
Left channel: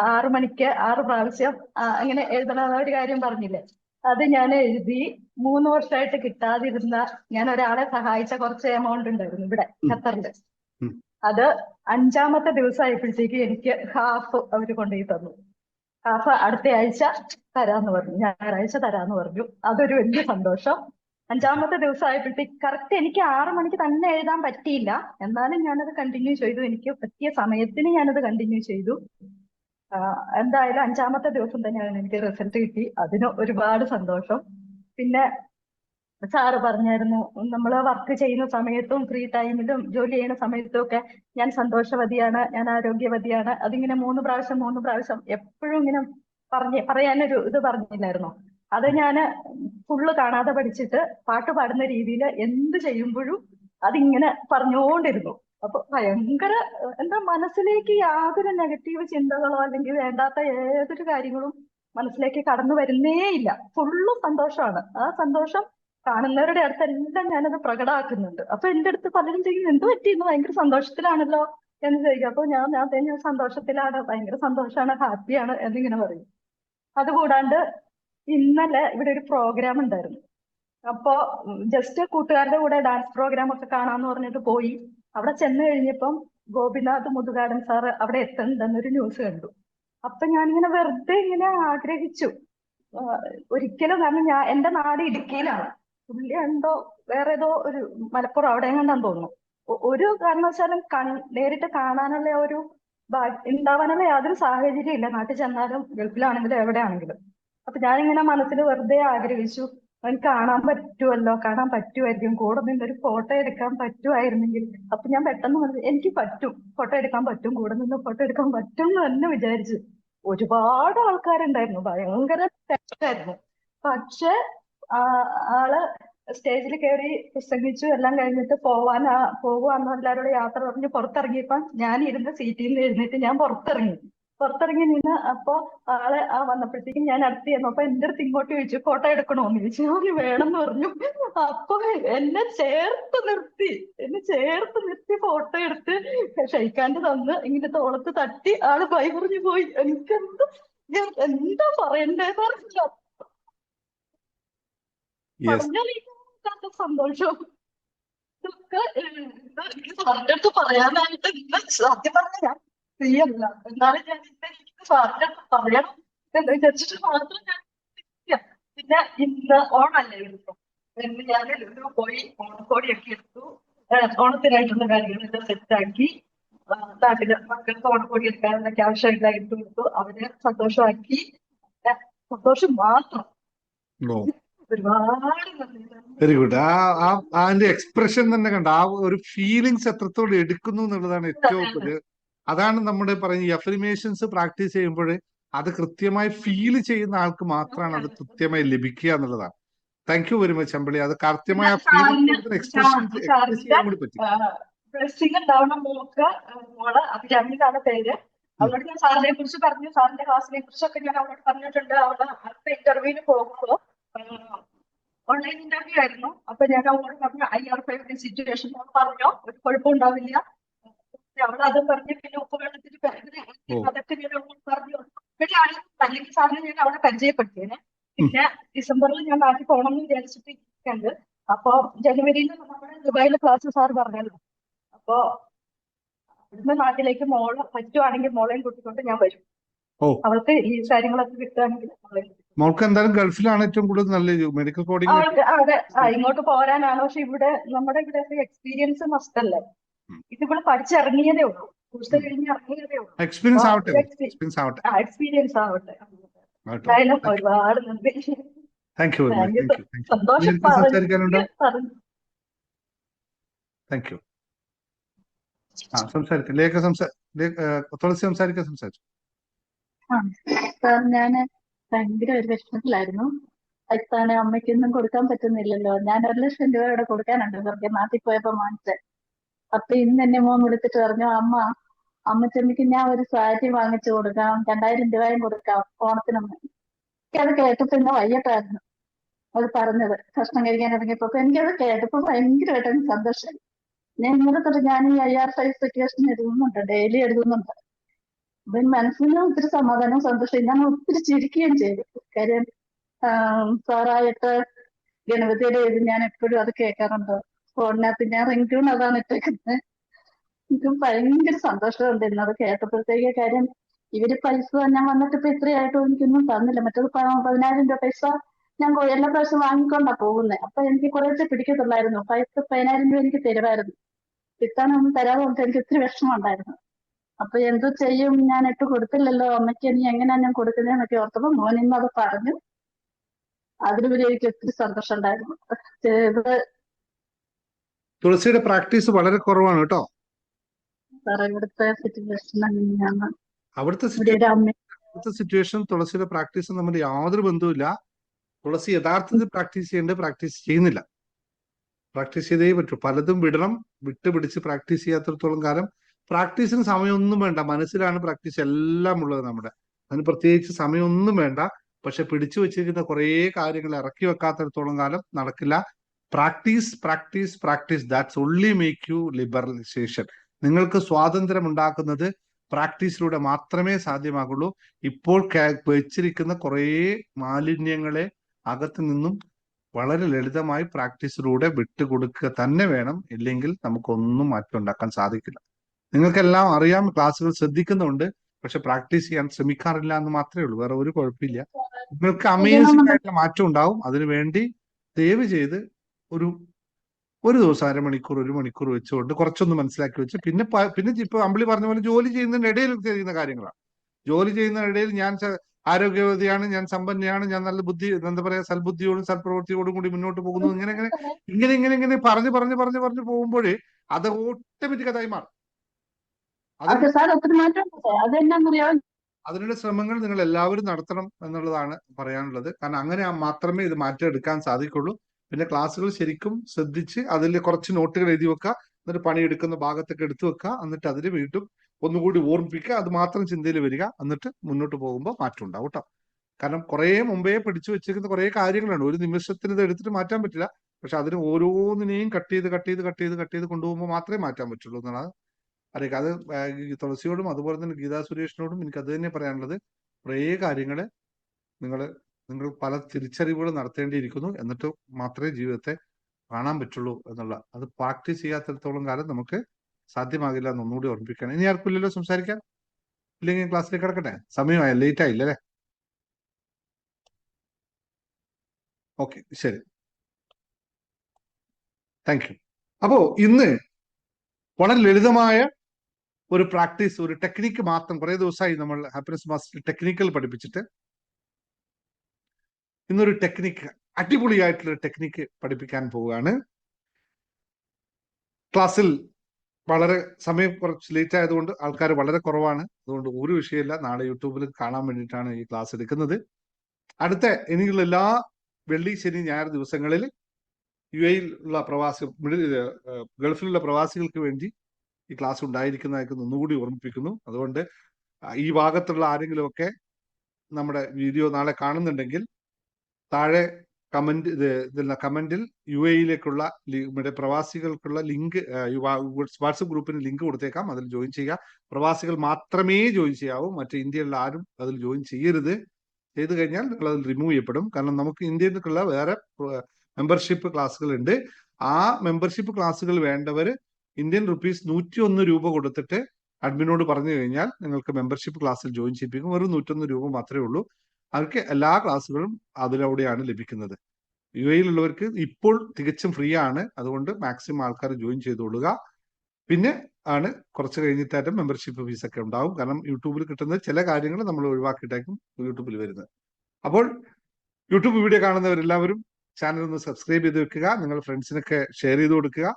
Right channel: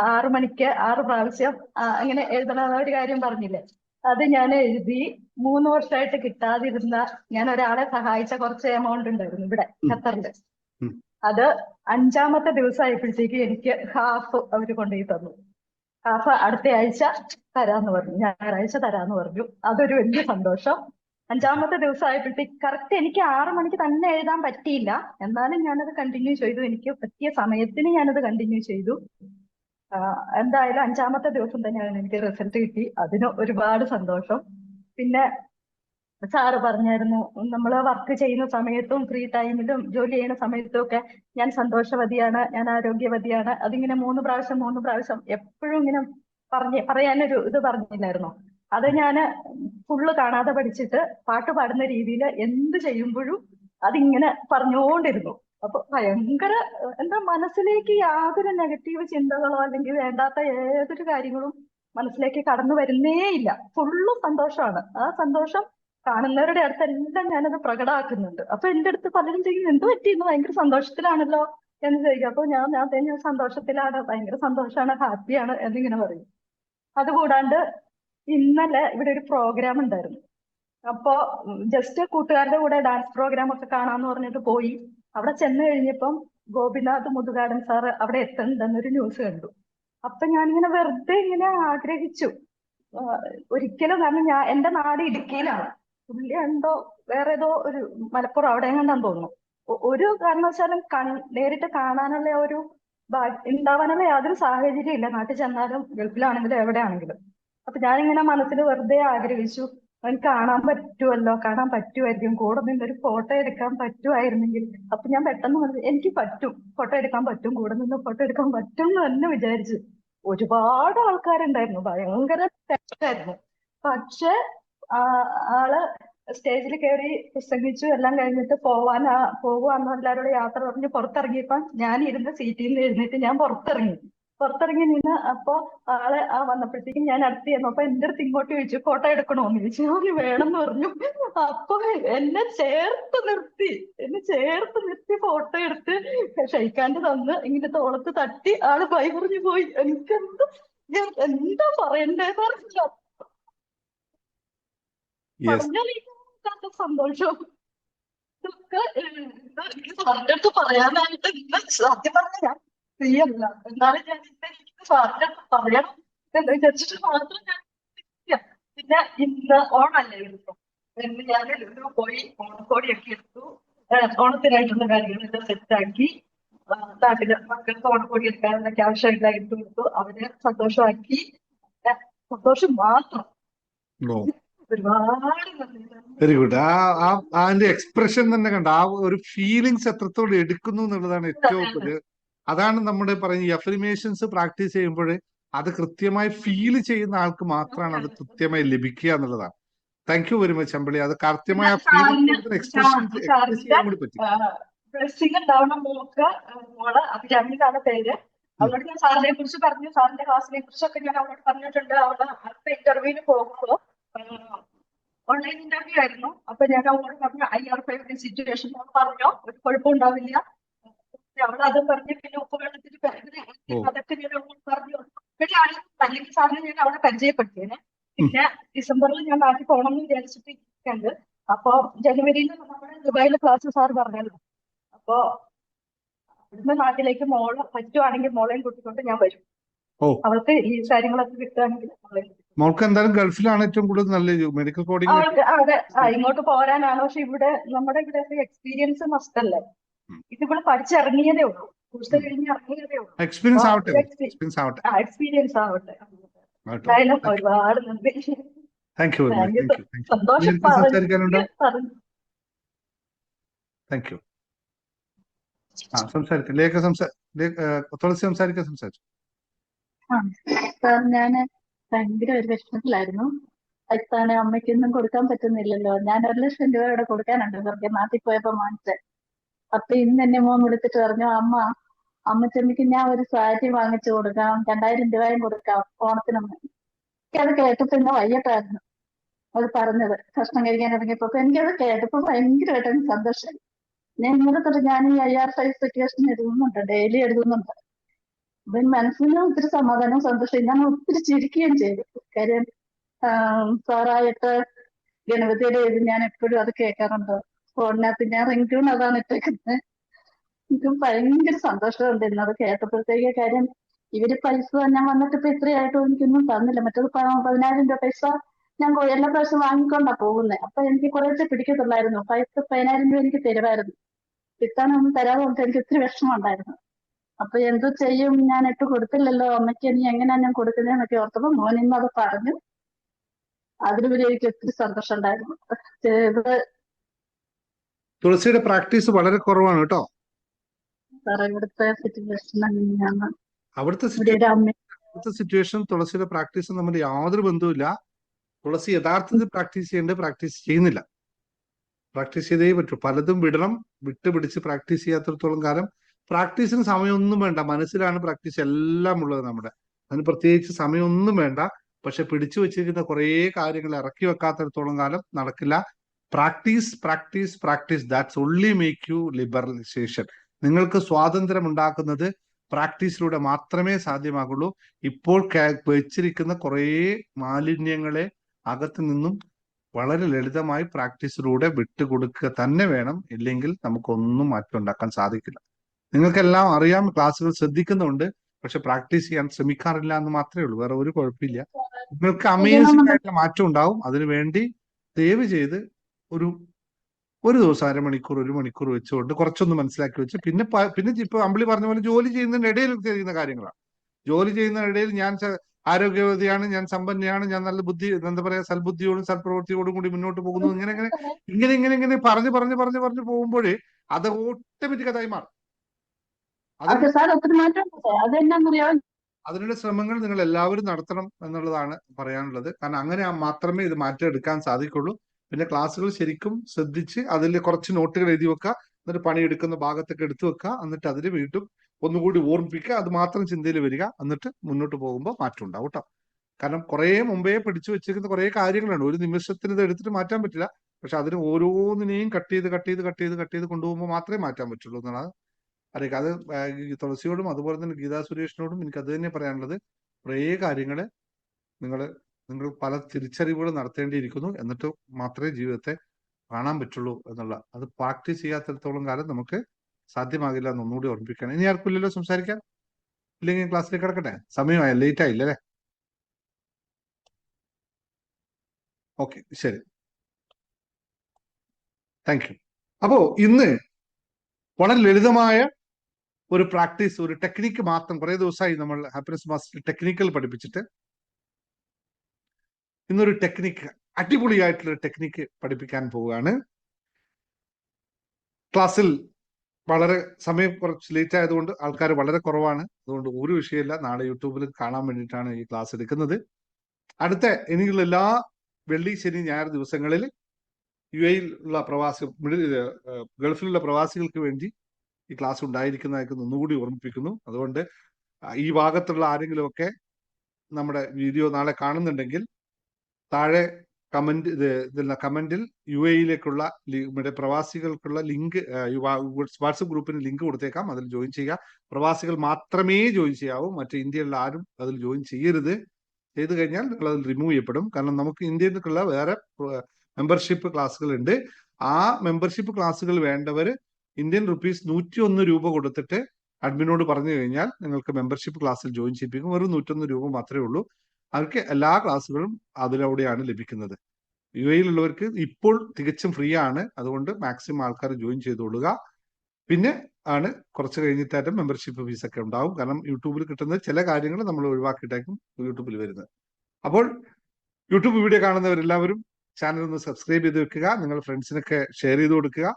6 മണിക്ക് 6 പ്രാവശ്യം അങ്ങനെ എഴുതണമെന്ന ഒരു കാര്യം പറഞ്ഞില്ലേ, അത് ഞാൻ എഴുതി. 3 വർഷമായിട്ട് കിട്ടാതിരുന്ന, ഞാൻ ഒരാളെ സഹായിച്ച കുറച്ച് എമൗണ്ട് ഉണ്ടായിരുന്നു ഇവിടെ ഖത്തറിന്റെ, അത് 5-ാമത്തെ ദിവസമായപ്പോഴത്തേക്ക് എനിക്ക് ഹാഫ് അവര് കൊണ്ടുപോയി തന്നു. ഹാഫ് അടുത്ത ആഴ്ച തരാന്ന് പറഞ്ഞു, ഞായറാഴ്ച തരാന്ന് പറഞ്ഞു. അതൊരു വലിയ സന്തോഷം. 5-ാമത്തെ ദിവസം ആയപ്പോഴത്തേക്ക് കറക്റ്റ് എനിക്ക് 6 മണിക്ക് തന്നെ എഴുതാൻ പറ്റിയില്ല, എന്നാലും ഞാനത് കണ്ടിന്യൂ ചെയ്തു. എനിക്ക് പറ്റിയ സമയത്തിന് ഞാനത് കണ്ടിന്യൂ ചെയ്തു. എന്തായാലും 5-ാമത്തെ ദിവസം തന്നെയാണ് എനിക്ക് റിസൾട്ട് കിട്ടി. അതിന് ഒരുപാട് സന്തോഷം. പിന്നെ സാറ് പറഞ്ഞായിരുന്നു, നമ്മൾ വർക്ക് ചെയ്യുന്ന സമയത്തും ഫ്രീ ടൈമിലും ജോലി ചെയ്യുന്ന സമയത്തും ഒക്കെ ഞാൻ സന്തോഷവതിയാണ്, ഞാൻ ആരോഗ്യവതിയാണ്. അതിങ്ങനെ 3 പ്രാവശ്യം എപ്പോഴും ഇങ്ങനെ പറയാനൊരു ഇത് പറഞ്ഞില്ലായിരുന്നോ? അത് ഞാൻ ഫുള്ള് കാണാതെ പഠിച്ചിട്ട് പാട്ട് പാടുന്ന രീതിയിൽ എന്ത് ചെയ്യുമ്പോഴും അതിങ്ങനെ പറഞ്ഞുകൊണ്ടിരുന്നു. അപ്പൊ ഭയങ്കര എന്താ, മനസ്സിലേക്ക് യാതൊരു നെഗറ്റീവ് ചിന്തകളോ അല്ലെങ്കിൽ വേണ്ടാത്ത ഏതൊരു കാര്യങ്ങളും മനസ്സിലാക്കി കടന്നു വരുന്നേ ഇല്ല. ഫുള്ള് സന്തോഷമുണ്ട്. ആ സന്തോഷം എല്ലാവരുടെ അടുത്തെല്ലാം നമുക്ക് പ്രകടമാക്കുന്നുണ്ട്. അപ്പൊ എന്റെ അടുത്ത് പലരും ചെയ്യും, എന്താ പറ്റിയെന്ന്, ഭയങ്കര സന്തോഷത്തിലാണല്ലോ ഞാൻ ചോദിക്കും. അപ്പൊ ഞാൻ സന്തോഷത്തിലാണ്, ഭയങ്കര സന്തോഷമാണ്, ഹാപ്പിയാണ് എന്നിങ്ങനെ പറയും. അതുകൂടാണ്ട് ഇന്നലെ ഇവിടെ ഒരു പ്രോഗ്രാം ഉണ്ടായിരുന്നു. അപ്പോ ജസ്റ്റ് കൂട്ടുകാരുടെ കൂടെ ഡാൻസ് പ്രോഗ്രാം ഒക്കെ കാണാന്ന് പറഞ്ഞിട്ട് പോയി. അവിടെ ചെന്ന് കഴിഞ്ഞപ്പം ഗോപിനാഥ് മുതുകാടൻ സാറ് അവിടെ എത്തുന്നുണ്ടെന്നൊരു ന്യൂസ് കണ്ടു. അപ്പൊ ഞാനിങ്ങനെ വെറുതെ ഇങ്ങനെ ആഗ്രഹിച്ചു, ഒരിക്കലും കാരണം എന്റെ നാട് ഇടുക്കിയിലാണ്. പുള്ളി എന്തോ വേറെ ഏതോ ഒരു മലപ്പുറം അവിടെ എങ്ങാണ്ടാന്ന് തോന്നുന്നു. ഒരു കാരണവശാലും നേരിട്ട് കാണാനുള്ള ഒരു ഉണ്ടാവാനുള്ള യാതൊരു സാഹചര്യം ഇല്ല. നാട്ടിൽ ചെന്നാലും ഗൾഫിലാണെങ്കിലും എവിടെയാണെങ്കിലും. അപ്പൊ ഞാനിങ്ങനെ മനസ്സിൽ വെറുതെ ആഗ്രഹിച്ചു, അത് കാണാൻ പറ്റുമല്ലോ, കാണാൻ പറ്റുമായിരിക്കും, കൂടെ നിന്ന് ഒരു ഫോട്ടോ എടുക്കാൻ പറ്റുമായിരുന്നെങ്കിൽ. അപ്പൊ ഞാൻ പെട്ടെന്ന് എനിക്ക് പറ്റും, ഫോട്ടോ എടുക്കാൻ പറ്റും, കൂടെ നിന്ന് ഫോട്ടോ എടുക്കാൻ പറ്റും എന്ന് തന്നെ വിചാരിച്ചു. ഒരുപാട് ആൾക്കാരുണ്ടായിരുന്നു, ഭയങ്കര തിരക്കായിരുന്നു. പക്ഷെ ആള് സ്റ്റേജിൽ കയറി പ്രസംഗിച്ചു, എല്ലാം കഴിഞ്ഞിട്ട് പോകുവാന്ന് എല്ലാവരോടും യാത്ര പറഞ്ഞ് പുറത്തിറങ്ങിയപ്പോ ഞാൻ ഇരുന്ന സീറ്റിൽ നിന്ന് എഴുന്നേറ്റ് ഞാൻ പുറത്തിറങ്ങി നിന്ന്. അപ്പൊ ആള് വന്നപ്പോഴത്തേക്കും ഞാൻ അടുത്ത് ചെന്നപ്പോ എന്റെ അടുത്ത് ഇങ്ങോട്ട് ചോദിച്ചു, ഫോട്ടോ എടുക്കണോന്ന് ചോദിച്ചു. ഞാൻ വേണമെന്ന് പറഞ്ഞു. അപ്പൊ എന്നെ ചേർത്ത് നിർത്തി ഫോട്ടോ എടുത്ത് ഷെയ്ക്കാണ്ട് തന്ന് ഇങ്ങനെ തോളത്ത് തട്ടി ആള് ബൈ പറഞ്ഞു പോയി. ഞാൻ എന്താ പറയണ്ടേന്ന് അറിയില്ല. പറഞ്ഞാൽ സന്തോഷം സാറിന്റെ അടുത്ത് പറയാനായിട്ട് സത്യം പറഞ്ഞ ഞാൻ ഫ്രീയല്ല. എന്നാലും ഞാൻ സാറിന്റെ അടുത്ത് പറയണം എന്ന് വിചാരിച്ചിട്ട് മാത്രം ഞാൻ. പിന്നെ ഇന്ന് ഓണല്ലേ ഇപ്പം, ഞാൻ ലുലു പോയി ഓണക്കോടിയൊക്കെ എടുത്തു. ഓണത്തിനായിട്ടുള്ള കാര്യങ്ങളെല്ലാം സെറ്റാക്കി. നാട്ടില് മക്കൾക്ക് ഓണക്കോടി എടുക്കാനുള്ള ക്യാഷ് എല്ലാം എടുത്തു കൊടുത്തു. അവരെ സന്തോഷമാക്കി. സന്തോഷം മാത്രം. Very good. എക്സ്പ്രഷൻ തന്നെ കണ്ട ആ ഒരു ഫീലിങ്സ് എത്രത്തോളം എടുക്കുന്നു എന്നുള്ളതാണ് ഏറ്റവും. അതാണ് നമ്മുടെ പറയുന്ന അഫർമേഷൻസ് പ്രാക്ടീസ് ചെയ്യുമ്പോൾ അത് കൃത്യമായി ഫീൽ ചെയ്യുന്ന ആൾക്ക് മാത്രമാണ് അത് കൃത്യമായി ലഭിക്കുക എന്നുള്ളതാണ്. താങ്ക് യു വെരി മച്ച് അമ്പിളി. അത് കൃത്യമായ എക്സ്പ്രഷൻ ചെയ്യാൻ കൂടി പറ്റും. ബ്ലെസ്സിംഗ് ഉണ്ടാവണം മോള് അഭിരാമിന്നാണ് പേര്. അവളോട് ഞാൻ സാറിനെ കുറിച്ച് പറഞ്ഞു, സാറിന്റെ ക്ലാസ്സിനെ കുറിച്ചൊക്കെ ഞാൻ അവളോട് പറഞ്ഞിട്ടുണ്ട്. അവള് അടുത്ത ഇന്റർവ്യൂവിന് പോകുമ്പോ ഓൺലൈൻ ഇന്റർവ്യൂ ആയിരുന്നു. അപ്പൊ ഞാൻ അവളോട് പറഞ്ഞു IR5 സിറ്റുവേഷൻ പറഞ്ഞോ, ഒരു കുഴപ്പമുണ്ടാവില്ല. അവള് അത് പറഞ്ഞു. പിന്നെ ഉപ്പുവെള്ളത്തിൽ അതൊക്കെ ഞാൻ അവളോട് പറഞ്ഞു. അല്ലെങ്കിൽ സാറിനെ ഞാൻ അവളെ പരിചയപ്പെടുത്തിയേനെ. പിന്നെ ഡിസംബറിൽ ഞാൻ നാട്ടിൽ പോകണം എന്ന് വിചാരിച്ചിട്ടുണ്ട്. അപ്പൊ ജനുവരിയിൽ നമ്മുടെ ദുബായിലെ ക്ലാസ് സാർ പറഞ്ഞല്ലോ. അപ്പൊ ഇവിടുന്ന് നാട്ടിലേക്ക് പറ്റുവാണെങ്കിൽ മോളെയും കൂട്ടിക്കൊണ്ട് ഞാൻ വരും. അവൾക്ക് ഈ കാര്യങ്ങളൊക്കെ കിട്ടുകയാണെങ്കിൽ മോൾക്ക് എന്തായാലും ഗൾഫിലാണ് ഏറ്റവും കൂടുതൽ നല്ലത് മെഡിക്കൽ കോഡിംഗ്. അതെ, ഇങ്ങോട്ട് പോരാനാണ്. പക്ഷെ നമ്മുടെ ഇവിടെ എക്സ്പീരിയൻസ് മസ്റ്റല്ലേ. ഇതിവിടെ പഠിച്ചിറങ്ങിയതേ ഉള്ളൂ, കോഴ്സ് കഴിഞ്ഞ് ഇറങ്ങിയതേ ഉള്ളൂ. എക്സ്പീരിയൻസ് ആവട്ടെ. എക്സ്പീരിയൻസ് ആവട്ടെ. എന്തായാലും ഒരുപാട് നന്ദി. സന്തോഷം. Thank you. സംസാരിക്കും ലേഖ തുളസി സംസാരിച്ചു. ഞാൻ ഭയങ്കര ഒരു വിഷമത്തിലായിരുന്നു. കൊടുക്കാൻ പറ്റുന്നില്ലല്ലോ. ഞാൻ 1 ലക്ഷം രൂപ ഇവിടെ കൊടുക്കാനുണ്ട് ഇവർക്ക് നാട്ടിൽ പോയപ്പോ വാങ്ങിച്ചത്. അപ്പൊ ഇന്ന് എന്നെ മോൻ വിളിച്ചിട്ട് പറഞ്ഞു, അമ്മച്ചമ്മക്ക് ഞാൻ ഒരു സാരി വാങ്ങിച്ചു കൊടുക്കാം, 2000 രൂപയും കൊടുക്കാം ഓണത്തിനൊന്ന്. എനിക്ക് പിന്നെ കഴിയട്ടായിരുന്നു അവൾ പറഞ്ഞത്. ഭക്ഷണം കഴിക്കാൻ ഇറങ്ങിയപ്പോ എനിക്കത് കേട്ടപ്പോ ഭയങ്കരമായിട്ടൊരു സന്തോഷം. ഞാൻ ഇന്നലെ തൊട്ട് ഞാൻ ഈ IR5 സിറ്റുവേഷൻ എഴുതുന്നുണ്ട്, ഡെയിലി എഴുതുന്നുണ്ട്. അപ്പം മനസ്സിന് ഒത്തിരി സമാധാനം, സന്തോഷം. ഞാൻ ഒത്തിരി ചിരിക്കുകയും ചെയ്തു. കാര്യം സാറായിട്ട് ഗണപതിയുടെ ഇത് ഞാൻ എപ്പോഴും അത് കേൾക്കാറുണ്ട് ഫോണിനകത്ത്. ഞാൻ റിംഗ് ട്യൂൺ അതാണ് ഇട്ടേക്കുന്നത്. എനിക്ക് ഭയങ്കര സന്തോഷമുണ്ട് ഇന്നത് കേട്ടപ്പോഴത്തേക്ക്. കാര്യം ഇവര് പൈസ ഞാൻ വന്നിട്ട് ഇപ്പൊ ഇത്രയായിട്ടും എനിക്കൊന്നും തന്നില്ല. മറ്റത് 10,000 രൂപ പൈസ ഞാൻ എല്ലാ പ്രാവശ്യം വാങ്ങിക്കൊണ്ടാ പോകുന്നത്. അപ്പൊ എനിക്ക് കുറേശ്ശെ പിടിക്കത്തുള്ളായിരുന്നു. 10,000 രൂപ എനിക്ക് തരുമായിരുന്നു. കിട്ടാനൊന്നും തരാതെ കൊണ്ട് എനിക്ക് ഒത്തിരി വിഷമം ഉണ്ടായിരുന്നു. അപ്പൊ എന്തോ ചെയ്യും, ഞാൻ ഇട്ട് കൊടുത്തില്ലല്ലോ അമ്മയ്ക്ക്, ഇനി എങ്ങനെയാ ഞാൻ കൊടുക്കുന്നതെന്നൊക്കെ ഓർത്തപ്പോ മോൻ ഇന്ന് അത് പറഞ്ഞു. അതിലുപരി എനിക്ക് ഒത്തിരി സന്തോഷം ഉണ്ടായിരുന്നു. തുളസിയുടെ പ്രാക്ടീസ് വളരെ കുറവാണ് കേട്ടോ. ഇവിടുത്തെ സിറ്റുവേഷൻ അങ്ങനെയാണ്. അവിടുത്തെ സിറ്റുവേഷൻ തുളസിയുടെ പ്രാക്ടീസും തമ്മിൽ യാതൊരു ബന്ധവുമില്ല. തുളസി യഥാർത്ഥത്തിൽ പ്രാക്ടീസ് ചെയ്യുന്നില്ല. പ്രാക്ടീസ് ചെയ്തേ പറ്റൂ. പലതും വിട്ടുപിടിച്ച് പ്രാക്ടീസ് ചെയ്യാത്തിടത്തോളം കാലം പ്രാക്ടീസിന് സമയമൊന്നും വേണ്ട. മനസ്സിലാണ് പ്രാക്ടീസ് എല്ലാം ഉള്ളത് നമ്മുടെ. അതിന് പ്രത്യേകിച്ച് സമയമൊന്നും വേണ്ട. പക്ഷെ പിടിച്ചു വെച്ചിരിക്കുന്ന കുറെ കാര്യങ്ങൾ ഇറക്കി വെക്കാത്തിടത്തോളം കാലം നടക്കില്ല. Practice that's only make you liberalisation. നിങ്ങൾക്ക് സ്വാതന്ത്ര്യം ഉണ്ടാക്കുന്നത് പ്രാക്ടീസിലൂടെ മാത്രമേ സാധ്യമാകുള്ളൂ. ഇപ്പോൾ വെച്ചിരിക്കുന്ന കുറെ മാലിന്യങ്ങളെ അകത്ത് നിന്നും വളരെ ലളിതമായി പ്രാക്ടീസിലൂടെ വിട്ടുകൊടുക്കുക തന്നെ വേണം. ഇല്ലെങ്കിൽ നമുക്കൊന്നും മാറ്റം ഉണ്ടാക്കാൻ സാധിക്കില്ല. നിങ്ങൾക്കെല്ലാം അറിയാം, ക്ലാസ്സുകൾ ശ്രദ്ധിക്കുന്നുണ്ട്, പക്ഷെ പ്രാക്ടീസ് ചെയ്യാൻ ശ്രമിക്കാറില്ല എന്ന് മാത്രമേ ഉള്ളൂ. വേറെ ഒരു കുഴപ്പമില്ല. നിങ്ങൾക്ക് ചെയ്യണമെന്നുണ്ട്. അമേസിംഗ് ആയിട്ടുള്ള മാറ്റം ഉണ്ടാവും. അതിനുവേണ്ടി ദയവ് ചെയ്ത് ഒരു ദിവസം 1/2 മണിക്കൂർ 1 മണിക്കൂർ വെച്ചുകൊണ്ട് കുറച്ചൊന്ന് മനസ്സിലാക്കി വെച്ച് പിന്നെ ഇപ്പൊ അമ്പിളി പറഞ്ഞ പോലെ ജോലി ചെയ്യുന്നതിനിടയിൽ ചെയ്യുന്ന കാര്യങ്ങളാണ്. ജോലി ചെയ്യുന്നതിനിടയിൽ ഞാൻ ആരോഗ്യവതിയാണ്, ഞാൻ സമ്പന്നയാണ്, ഞാൻ നല്ല ബുദ്ധി, എന്താ പറയാ, സൽബുദ്ധിയോടും സൽപ്രവൃത്തിയോടും കൂടി മുന്നോട്ട് പോകുന്നു, ഇങ്ങനെ ഇങ്ങനെ ഇങ്ങനെ ഇങ്ങനെ ഇങ്ങനെ പറഞ്ഞു പറഞ്ഞു പറഞ്ഞു പറഞ്ഞു പോകുമ്പോഴേ അത് ഓട്ടോമാറ്റിക് മാറും. അതെ സാർ, ഒത്തിരി മാറ്റമുണ്ട്. അതെന്നാന്നറിയാം, അതിനുള്ള ശ്രമങ്ങൾ നിങ്ങൾ എല്ലാവരും നടത്തണം എന്നുള്ളതാണ് പറയാനുള്ളത്. കാരണം അങ്ങനെ മാത്രമേ ഇത് മാറ്റിയെടുക്കാൻ സാധിക്കുള്ളൂ. പിന്നെ ക്ലാസ്സുകൾ ശരിക്കും ശ്രദ്ധിച്ച് അതിൽ കുറച്ച് നോട്ടുകൾ എഴുതി വെക്കുക, എന്നിട്ട് പണിയെടുക്കുന്ന ഭാഗത്തൊക്കെ എടുത്തു വെക്കുക, എന്നിട്ട് അതിന് വീണ്ടും ഒന്നുകൂടി ഓർമ്മിപ്പിക്കുക. അത് മാത്രം ചിന്തയിൽ വരിക, എന്നിട്ട് മുന്നോട്ട് പോകുമ്പോൾ മാറ്റം ഉണ്ടാവും കേട്ടോ. കാരണം കുറെ മുമ്പേ പഠിച്ചു വെച്ചിരിക്കുന്ന കുറെ കാര്യങ്ങളാണ്. ഒരു നിമിഷത്തിൽ ഇത് എടുത്തിട്ട് മാറ്റാൻ പറ്റില്ല. പക്ഷെ അതിന് ഓരോന്നിനെയും കട്ട് ചെയ്ത് കട്ട് ചെയ്ത് കട്ട് ചെയ്ത് കട്ട് ചെയ്ത് കൊണ്ടുപോകുമ്പോൾ മാത്രമേ മാറ്റാൻ പറ്റുള്ളൂ എന്നാണ് അറിയുക. അത് ഈ തുളസിയോടും അതുപോലെ തന്നെ ഗീതാ സുരേഷിനോടും എനിക്ക് അത് തന്നെ പറയാനുള്ളത്. കുറേ കാര്യങ്ങള് നിങ്ങൾ പല തിരിച്ചറിവുകൾ നടത്തേണ്ടിയിരിക്കുന്നു. എന്നിട്ട് മാത്രമേ ജീവിതത്തെ കാണാൻ പറ്റുള്ളൂ എന്നുള്ള, അത് പ്രാക്ടീസ് ചെയ്യാത്തിടത്തോളം കാലം നമുക്ക് സാധ്യമാകില്ല എന്ന് ഒന്നുകൂടി ഓർമ്മിപ്പിക്കണം. ഇനി ആർക്കില്ലല്ലോ സംസാരിക്കാൻ? ഇല്ലെങ്കിൽ ക്ലാസ്സിലേക്ക് കിടക്കട്ടെ, സമയം ലേറ്റ് ആയില്ലേ? ഓക്കെ, ശരി, താങ്ക് യു. അപ്പോ ഇന്ന് വളരെ ലളിതമായ ഒരു പ്രാക്ടീസ്, ഒരു ടെക്നിക്ക് മാത്രം. കുറെ ദിവസമായി നമ്മൾ ഹാപ്പിനെസ് മാസ്റ്റർ ടെക്നിക്കൽ പഠിപ്പിച്ചിട്ട് ഇന്നൊരു ടെക്നിക്ക്, അടിപൊളിയായിട്ടുള്ള ടെക്നിക്ക് പഠിപ്പിക്കാൻ പോവുകയാണ്. ക്ലാസ്സിൽ വളരെ സമയം കുറച്ച് ലേറ്റ് ആയതുകൊണ്ട് ആൾക്കാർ വളരെ കുറവാണ്. അതുകൊണ്ട് ഒരു വിഷയമില്ല, നാളെ യൂട്യൂബിൽ കാണാൻ വേണ്ടിയിട്ടാണ് ഈ ക്ലാസ് എടുക്കുന്നത്. അടുത്ത ഇനിയുള്ള എല്ലാ വെള്ളി, ശനി, ഞായർ ദിവസങ്ങളിൽ UAE ഉള്ള ഗൾഫിലുള്ള പ്രവാസികൾക്ക് വേണ്ടി ഈ ക്ലാസ് ഉണ്ടായിരിക്കുന്നതായിട്ട് ഒന്നുകൂടി ഓർമ്മിപ്പിക്കുന്നു. അതുകൊണ്ട് ഈ ഭാഗത്തുള്ള ആളുകളൊക്കെ വീഡിയോ കാണുന്നുണ്ടെങ്കിൽ UAEയിലേക്കുള്ള പ്രവാസികൾക്കുള്ള ലിങ്ക് മെമ്പർഷിപ്പ് ക്ലാസ്സിൽ ജോയിൻ ചെയ്യിപ്പിക്കും. ഒരു 101 രൂപ മാത്രമേ ഉള്ളൂ. അവർക്ക് എല്ലാ ക്ലാസ്സുകളും അതിലൂടെയാണ് ലഭിക്കുന്നത്. UAEയിലുള്ളവർക്ക് ഇപ്പോൾ തികച്ചും ഫ്രീ ആണ്. അതുകൊണ്ട് മാക്സിമം ആൾക്കാർ ജോയിൻ ചെയ്തുകൊള്ളുക. പിന്നെ ആണ് കുറച്ച് കഴിഞ്ഞിട്ടായിട്ട് മെമ്പർഷിപ്പ് ഫീസ് ഒക്കെ ഉണ്ടാവും. കാരണം യൂട്യൂബിൽ കിട്ടുന്ന ചില കാര്യങ്ങൾ നമ്മൾ ഒഴിവാക്കിയിട്ടായിരിക്കും യൂട്യൂബിൽ വരുന്നത്. അപ്പോൾ യൂട്യൂബ് വീഡിയോ കാണുന്നവരെല്ലാവരും ചാനൽ ഒന്ന് സബ്സ്ക്രൈബ് ചെയ്ത് വെക്കുക. നിങ്ങൾ ഫ്രണ്ട്സിനൊക്കെ ഷെയർ ചെയ്ത് കൊടുക്കുക.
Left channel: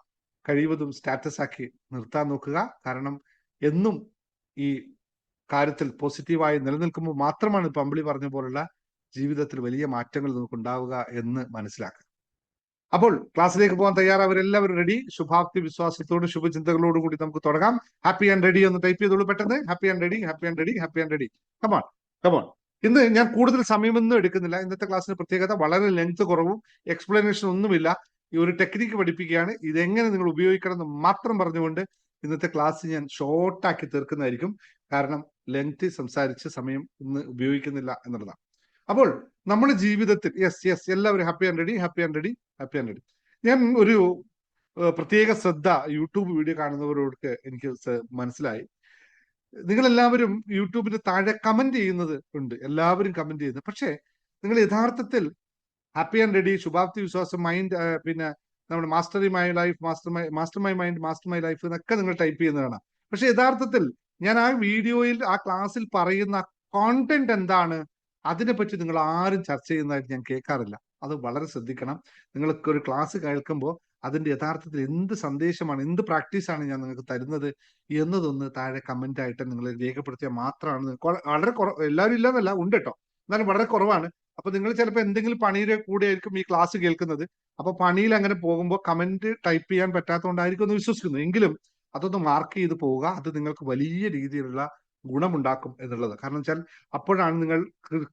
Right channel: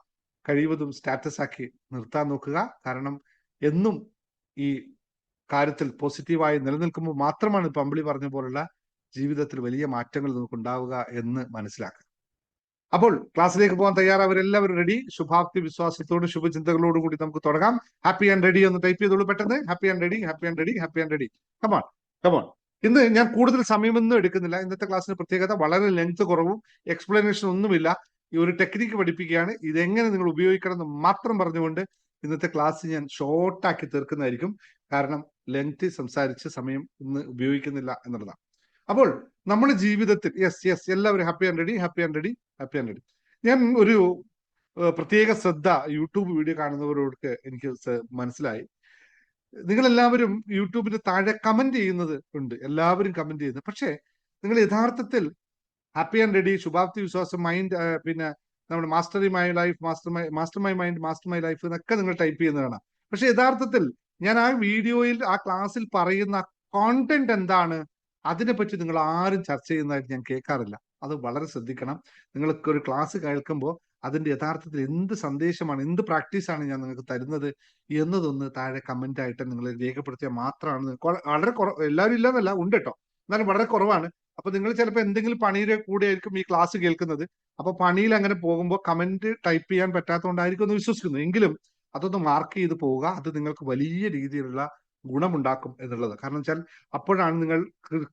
കഴിവതും സ്റ്റാറ്റസ് ആക്കി നിർത്താൻ നോക്കുക. കാരണം എന്നും ഈ കാര്യത്തിൽ പോസിറ്റീവായി നിലനിൽക്കുമ്പോൾ മാത്രമാണ് ഇപ്പൊ അമ്പിളി പറഞ്ഞ പോലുള്ള ജീവിതത്തിൽ വലിയ മാറ്റങ്ങൾ നമുക്ക് ഉണ്ടാവുക എന്ന് മനസ്സിലാക്കുക. അപ്പോൾ ക്ലാസ്സിലേക്ക് പോകാൻ തയ്യാറാവരെല്ലാവരും റെഡി? ശുഭാപ്തി വിശ്വാസത്തോട് ശുഭചിന്തകളോടും കൂടി നമുക്ക് തുടങ്ങാം. ഹാപ്പി ആൻഡ് റെഡി ഒന്ന് ടൈപ്പ് ചെയ്തോളൂ പെട്ടെന്ന്. Happy and ready, happy and ready, happy and ready. Come on come on. ഇന്ന് ഞാൻ കൂടുതൽ സമയമൊന്നും എടുക്കുന്നില്ല. ഇന്നത്തെ ക്ലാസ്സിൽ പ്രത്യേകത വളരെ ലെങ്ത് കുറവും എക്സ്പ്ലനേഷൻ ഒന്നുമില്ല. ഈ ഒരു ടെക്നിക്ക് പഠിപ്പിക്കുകയാണ്. മാത്രം പറഞ്ഞുകൊണ്ട് ഇന്നത്തെ ക്ലാസ് ഞാൻ ഷോർട്ടാക്കി തീർക്കുന്നതായിരിക്കും. കാരണം ലെങ്ത് സംസാരിച്ച സമയം ഇന്ന് ഉപയോഗിക്കുന്നില്ല എന്നുള്ളതാണ്. അപ്പോൾ നമ്മുടെ ജീവിതത്തിൽ യെസ് എല്ലാവരും happy and ready, happy and ready, happy and ready. ഞാൻ ഒരു പ്രത്യേക ശ്രദ്ധ യൂട്യൂബ് വീഡിയോ കാണുന്നവരോട് എനിക്ക് മനസ്സിലായി. നിങ്ങൾ എല്ലാവരും യൂട്യൂബിന് താഴെ കമന്റ് ചെയ്യുന്നത് ഉണ്ട്, എല്ലാവരും കമന്റ് ചെയ്യുന്നത്. പക്ഷെ നിങ്ങൾ യഥാർത്ഥത്തിൽ ഹാപ്പി ആൻഡ് റെഡി, ശുഭാപ്തി വിശ്വാസം, മൈൻഡ്, പിന്നെ നമ്മുടെ master my life, master my mind, master my life, അതൊക്കെ നിങ്ങൾ ടൈപ്പ് ചെയ്യുന്നതാണ്. പക്ഷെ യഥാർത്ഥത്തിൽ ഞാൻ ആ വീഡിയോയിൽ ആ ക്ലാസ്സിൽ പറയുന്ന കോണ്ടന്റ് എന്താണ്, അതിനെപ്പറ്റി നിങ്ങൾ ആരും ചർച്ച ചെയ്യുന്നതായിട്ട് ഞാൻ കേൾക്കാറില്ല. അത് വളരെ ശ്രദ്ധിക്കണം. നിങ്ങൾക്ക് ഒരു ക്ലാസ് കേൾക്കുമ്പോൾ അതിന്റെ യഥാർത്ഥത്തിൽ എന്ത് സന്ദേശമാണ്, എന്ത് പ്രാക്ടീസാണ് ഞാൻ നിങ്ങൾക്ക് തരുന്നത് എന്നതൊന്ന് താഴെ കമന്റ് ആയിട്ട് നിങ്ങൾ രേഖപ്പെടുത്തിയാൽ മാത്രമാണ്. വളരെ കുറവ്, എല്ലാവരും ഇല്ലാന്നല്ല, ഉണ്ട് കേട്ടോ, എന്നാലും വളരെ കുറവാണ്. അപ്പൊ നിങ്ങൾ ചിലപ്പോൾ എന്തെങ്കിലും പണിയുടെ കൂടെ ആയിരിക്കും ഈ ക്ലാസ് കേൾക്കുന്നത്. അപ്പൊ പണിയിൽ അങ്ങനെ പോകുമ്പോൾ കമന്റ് ടൈപ്പ് ചെയ്യാൻ പറ്റാത്തതുകൊണ്ടായിരിക്കും എന്ന് വിശ്വസിക്കുന്നത്. എങ്കിലും അതൊന്ന് മാർക്ക് ചെയ്ത് പോവുക. അത് നിങ്ങൾക്ക് വലിയ രീതിയിലുള്ള ഗുണമുണ്ടാക്കും എന്നുള്ളത്. കാരണം വെച്ചാൽ അപ്പോഴാണ് നിങ്ങൾ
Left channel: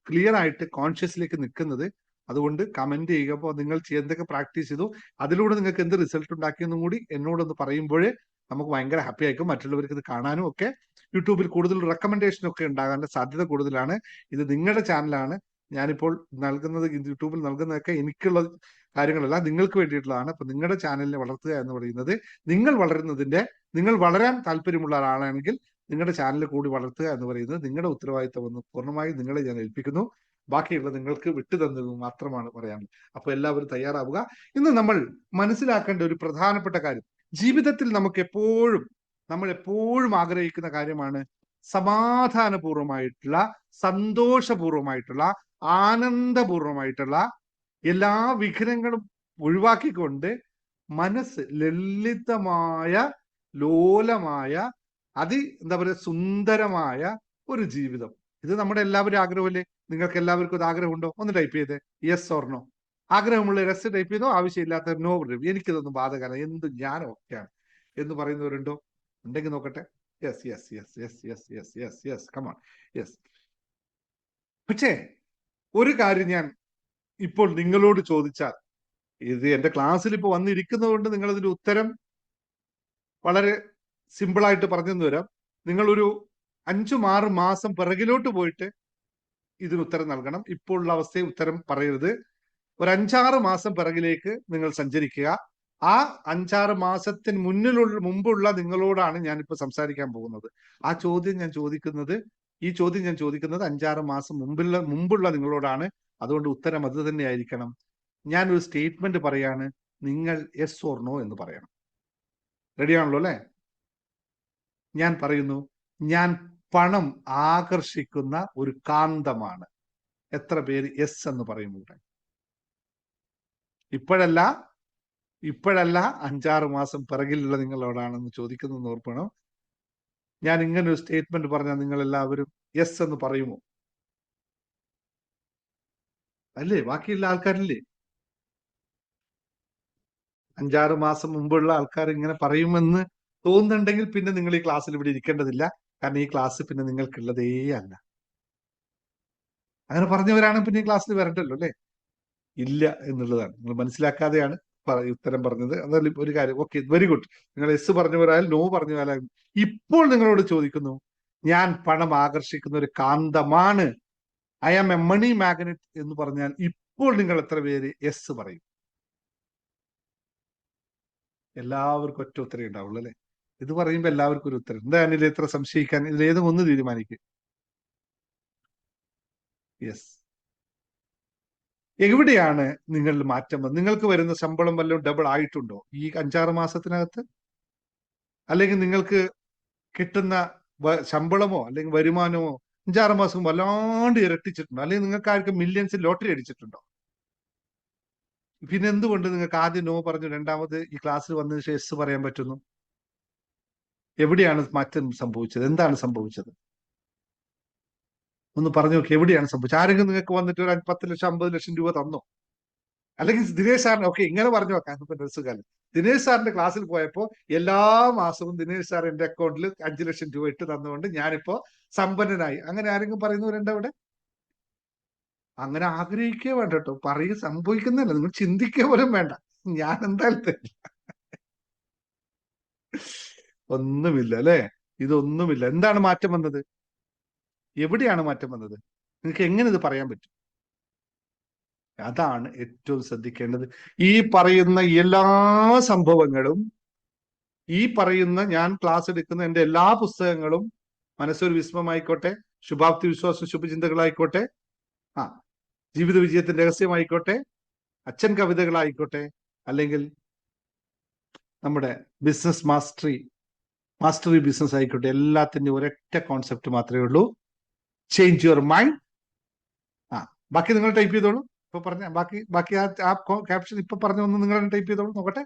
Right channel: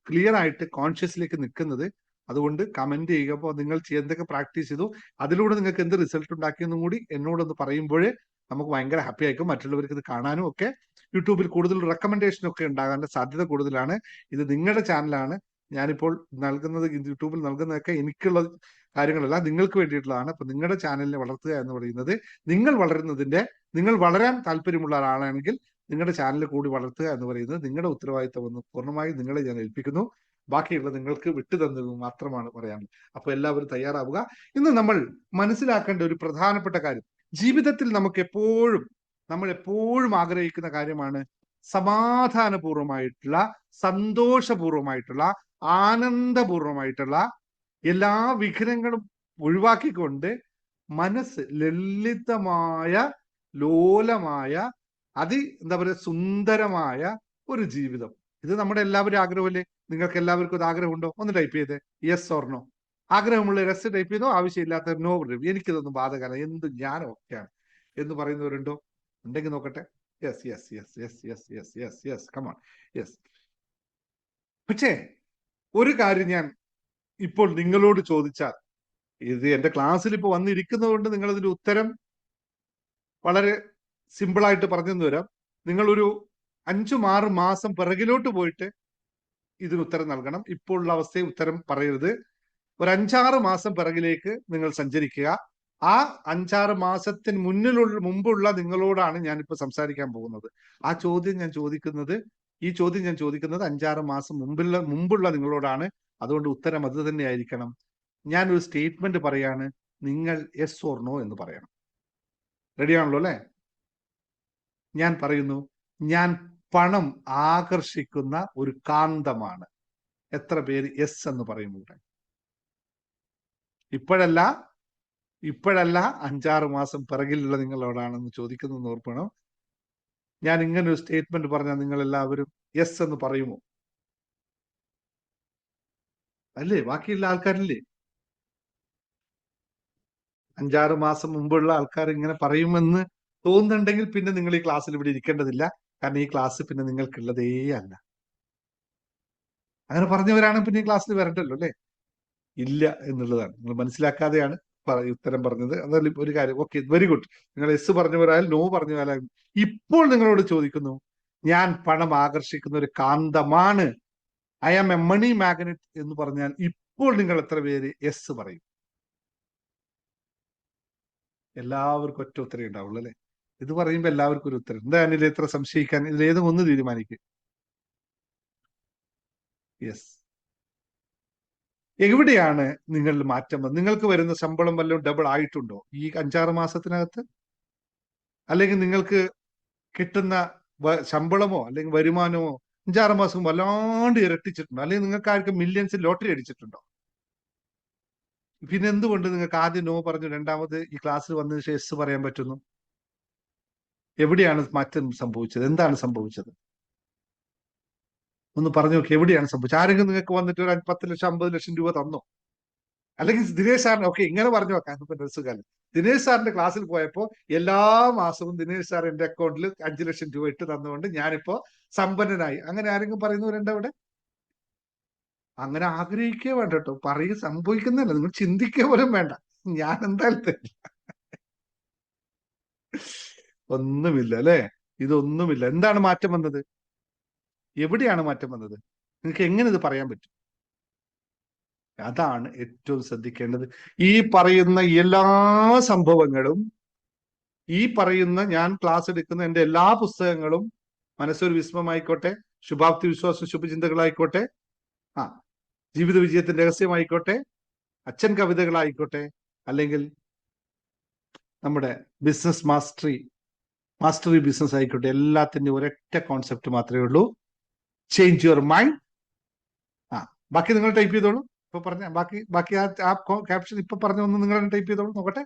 ക്ലിയർ ആയിട്ട് കോൺഷ്യസിലേക്ക് നിൽക്കുന്നത്. അതുകൊണ്ട് കമന്റ് ചെയ്യുക. അപ്പോൾ നിങ്ങൾ എന്തൊക്കെ പ്രാക്ടീസ് ചെയ്തു, അതിലൂടെ നിങ്ങൾക്ക് എന്ത് റിസൾട്ട് ഉണ്ടാക്കിയെന്നും കൂടി എന്നോടൊന്ന് പറയുമ്പോഴേ നമുക്ക് ഭയങ്കര ഹാപ്പി ആയിരിക്കും. മറ്റുള്ളവർക്ക് ഇത് കാണാനും ഒക്കെ യൂട്യൂബിൽ കൂടുതൽ റെക്കമെൻഡേഷൻ ഒക്കെ ഉണ്ടാകാനുള്ള സാധ്യത കൂടുതലാണ്. ഇത് നിങ്ങളുടെ ചാനലാണ്. ഞാനിപ്പോൾ നൽകുന്നത്, യൂട്യൂബിൽ നൽകുന്നതൊക്കെ എനിക്കുള്ള കാര്യങ്ങളല്ല, നിങ്ങൾക്ക് വേണ്ടിയിട്ടുള്ളതാണ്. അപ്പൊ നിങ്ങളുടെ ചാനലിനെ വളർത്തുക എന്ന് പറയുന്നത്, നിങ്ങൾ വളരാൻ താല്പര്യമുള്ള ഒരാളാണെങ്കിൽ നിങ്ങളുടെ ചാനൽ കൂടി വളർത്തുക എന്ന് പറയുന്നത് നിങ്ങളുടെ ഉത്തരവാദിത്തം എന്ന് പൂർണ്ണമായും നിങ്ങളെ ഞാൻ ഏൽപ്പിക്കുന്നു. ബാക്കിയുള്ളത് നിങ്ങൾക്ക് വിട്ടു തന്നത് മാത്രമാണ് പറയാനുള്ളത്. അപ്പൊ എല്ലാവരും തയ്യാറാവുക. ഇന്ന് നമ്മൾ മനസ്സിലാക്കേണ്ട ഒരു പ്രധാനപ്പെട്ട കാര്യം, ജീവിതത്തിൽ നമ്മൾ എപ്പോഴും ആഗ്രഹിക്കുന്ന കാര്യമാണ് സമാധാനപൂർവമായിട്ടുള്ള, സന്തോഷപൂർവമായിട്ടുള്ള, ആനന്ദപൂർവമായിട്ടുള്ള, എല്ലാ വിഘ്നങ്ങളും ഒഴിവാക്കിക്കൊണ്ട് മനസ്സ് ലളിതമായ, ലോലമായ, എന്താ പറയുക, സുന്ദരമായ ഒരു ജീവിതം. ഇത് നമ്മുടെ എല്ലാവരും ആഗ്രഹമല്ലേ? നിങ്ങൾക്ക് എല്ലാവർക്കും ഇത് ആഗ്രഹമുണ്ടോ? ഒന്ന് ടൈപ്പ് ചെയ്ത് യെസ് ഓർ നോ. ആഗ്രഹമുള്ള യെസ് ടൈപ്പ് ചെയ്തോ, ആവശ്യമില്ലാത്ത നോ. എനിക്കിതൊന്നും ബാധകമാണ്, എന്ത് ഞാനും ഒക്കെയാണ് എന്ന് പറയുന്നവരുണ്ടോ? ഉണ്ടെങ്കിൽ നോക്കട്ടെ. Yes yes yes yes yes yes yes yes come on yes. പക്ഷേ ഒരു കാര്യം ഞാൻ ഇപ്പോൾ നിങ്ങളോട് ചോദിച്ചാൽ, ഇത് എന്റെ ക്ലാസ്സിൽ ഇപ്പൊ വന്നിരിക്കുന്നത് കൊണ്ട് നിങ്ങൾ ഇതിന്റെ ഉത്തരം വളരെ സിമ്പിളായിട്ട് പറഞ്ഞു തരാം. നിങ്ങളൊരു 5-6 മാസം പിറകിലോട്ട് പോയിട്ട് ഇതിന് ഉത്തരം നൽകണം. ഇപ്പോൾ ഉള്ള അവസ്ഥയിൽ ഉത്തരം പറയരുത്. ഒരു 5-6 മാസം പിറകിലേക്ക് നിങ്ങൾ സഞ്ചരിക്കുക. ആ 5-6 മാസത്തിന് മുമ്പുള്ള നിങ്ങളോടാണ് ഞാനിപ്പോ സംസാരിക്കാൻ പോകുന്നത്. ഈ ചോദ്യം ഞാൻ ചോദിക്കുന്നത് 5-6 മാസം മുമ്പുള്ള നിങ്ങളോടാണ്. അതുകൊണ്ട് ഉത്തരം അത് തന്നെ ആയിരിക്കണം. ഞാനൊരു സ്റ്റേറ്റ്മെന്റ് പറയാണ്, നിങ്ങൾ യെസ് ഓർ നോ എന്ന് പറയണം. റെഡിയാണല്ലോ അല്ലെ? ഞാൻ പറയുന്നു, ഞാൻ പണം ആകർഷിക്കുന്ന ഒരു കാന്തമാണ്. എത്ര പേര് യെസ് എന്ന് പറയുന്നുണ്ട്? ഇപ്പോഴല്ല 5-6 മാസം പിറകിലുള്ള നിങ്ങളോടാണെന്ന് ചോദിക്കുന്നത് ഓർക്കണം. ഞാൻ ഇങ്ങനെ ഒരു സ്റ്റേറ്റ്മെന്റ് പറഞ്ഞാൽ നിങ്ങൾ എല്ലാവരും യെസ് എന്ന് പറയുമോ? അല്ലേ? ബാക്കിയുള്ള ആൾക്കാരില്ലേ? 5-6 മാസം മുമ്പുള്ള ആൾക്കാർ ഇങ്ങനെ പറയുമെന്ന് തോന്നുന്നുണ്ടെങ്കിൽ പിന്നെ നിങ്ങൾ ഈ ക്ലാസ്സിൽ ഇവിടെ ഇരിക്കേണ്ടതില്ല. കാരണം ഈ ക്ലാസ് പിന്നെ നിങ്ങൾക്കുള്ളതേ അല്ല. അങ്ങനെ പറഞ്ഞവരാണ് പിന്നെ ഈ ക്ലാസ്സിൽ വരണ്ടല്ലോ അല്ലേ? ഇല്ല എന്നുള്ളതാണ്. നിങ്ങൾ മനസ്സിലാക്കാതെയാണ് ഉത്തരം പറഞ്ഞത്. എന്നാലും ഒരു കാര്യം, ഓക്കെ, വെരി ഗുഡ്. നിങ്ങൾ എസ് പറഞ്ഞവരായാലും നോ പറഞ്ഞവരായാലും ഇപ്പോൾ നിങ്ങളോട് ചോദിക്കുന്നു, ഞാൻ പണം ആകർഷിക്കുന്ന ഒരു കാന്തമാണ്, I am a money magnet എന്ന് പറഞ്ഞാൽ ഇപ്പോൾ നിങ്ങൾ എത്ര പേര് എസ് പറയും? എല്ലാവർക്കും ഒറ്റ ഉത്തരം ഉണ്ടാവുള്ളൂ അല്ലെ? ഇത് പറയുമ്പോ എല്ലാവർക്കും ഒരു ഉത്തരം. എന്താ ഇതിൽ എത്ര സംശയിക്കാൻ? ഇതിലേത് ഒന്ന് തീരുമാനിക്കും. യെസ്. എവിടെയാണ് നിങ്ങളുടെ മാറ്റം? നിങ്ങൾക്ക് വരുന്ന ശമ്പളം വല്ലതും ഡബിൾ ആയിട്ടുണ്ടോ ഈ 5-6 മാസത്തിനകത്ത്? അല്ലെങ്കിൽ നിങ്ങൾക്ക് കിട്ടുന്ന ശമ്പളമോ അല്ലെങ്കിൽ വരുമാനമോ 5-6 മാസം വല്ലാണ്ട് ഇരട്ടിച്ചിട്ടുണ്ടോ? അല്ലെങ്കിൽ നിങ്ങൾക്ക് ആർക്കും മില്യൺസ് ലോട്ടറി അടിച്ചിട്ടുണ്ടോ? പിന്നെ എന്തുകൊണ്ട് നിങ്ങൾക്ക് ആദ്യം നോ പറഞ്ഞു രണ്ടാമത് ഈ ക്ലാസ്സിൽ വന്നതിന് ശേഷം എസ് പറയാൻ പറ്റുന്നു? എവിടെയാണ് മാറ്റം സംഭവിച്ചത്? എന്താണ് സംഭവിച്ചത്? ഒന്ന് പറഞ്ഞു നോക്കി, എവിടെയാണ് സംഭവിച്ചത്? ആരെങ്കിലും നിങ്ങൾക്ക് വന്നിട്ട് ഒരു 10 ലക്ഷം 50 ലക്ഷം രൂപ തന്നോ? അല്ലെങ്കിൽ ദിനേശ് സാറിന്, ഓക്കെ, ഇങ്ങനെ പറഞ്ഞു നോക്കാം. സുഖാണ്. ദിനേശ് സാറിന്റെ ക്ലാസ്സിൽ പോയപ്പോ എല്ലാ മാസവും ദിനേശ് സാർ എന്റെ അക്കൗണ്ടിൽ 5 ലക്ഷം രൂപ ഇട്ട് തന്നുകൊണ്ട് ഞാനിപ്പോ സമ്പന്നനായി. അങ്ങനെ ആരെങ്കിലും പറയുന്നവരുണ്ടോ അവിടെ? അങ്ങനെ ആഗ്രഹിക്കുക വേണ്ട കേട്ടോ, പറയുക സംഭവിക്കുന്നല്ല. നിങ്ങൾ ചിന്തിക്കുക പോലും വേണ്ട. ഞാൻ എന്താ ഒന്നുമില്ല അല്ലെ? ഇതൊന്നുമില്ല. എന്താണ് മാറ്റം വന്നത്? എവിടെയാണ് മാറ്റം വന്നത്? നിങ്ങൾക്ക് എങ്ങനെ ഇത് പറയാൻ പറ്റും? അതാണ് ഏറ്റവും ശ്രദ്ധിക്കേണ്ടത്. ഈ പറയുന്ന എല്ലാ സംഭവങ്ങളും, ഈ പറയുന്ന ഞാൻ ക്ലാസ് എടുക്കുന്ന എന്റെ എല്ലാ പുസ്തകങ്ങളും, മനസ്സൊരു വിസ്മമായിക്കോട്ടെ, ശുഭാപ്തി വിശ്വാസം ശുഭചിന്തകളായിക്കോട്ടെ, ജീവിത വിജയത്തിന്റെ രഹസ്യമായിക്കോട്ടെ, അച്ഛൻ കവിതകളായിക്കോട്ടെ, അല്ലെങ്കിൽ നമ്മുടെ ബിസിനസ് മാസ്റ്ററി ബിസിനസ് ആയിക്കോട്ടെ, എല്ലാത്തിന്റെ ഒരൊറ്റ കോൺസെപ്റ്റ് മാത്രമേ ഉള്ളൂ, ചേഞ്ച് യുവർ മൈൻഡ്. ബാക്കി നിങ്ങൾ ടൈപ്പ് ചെയ്തോളൂ. ഇപ്പൊ പറഞ്ഞ ബാക്കി ആ ക്യാപ്ഷൻ ഇപ്പൊ പറഞ്ഞ ഒന്ന് നിങ്ങൾ ടൈപ്പ് ചെയ്തോളൂ, നോക്കട്ടെ.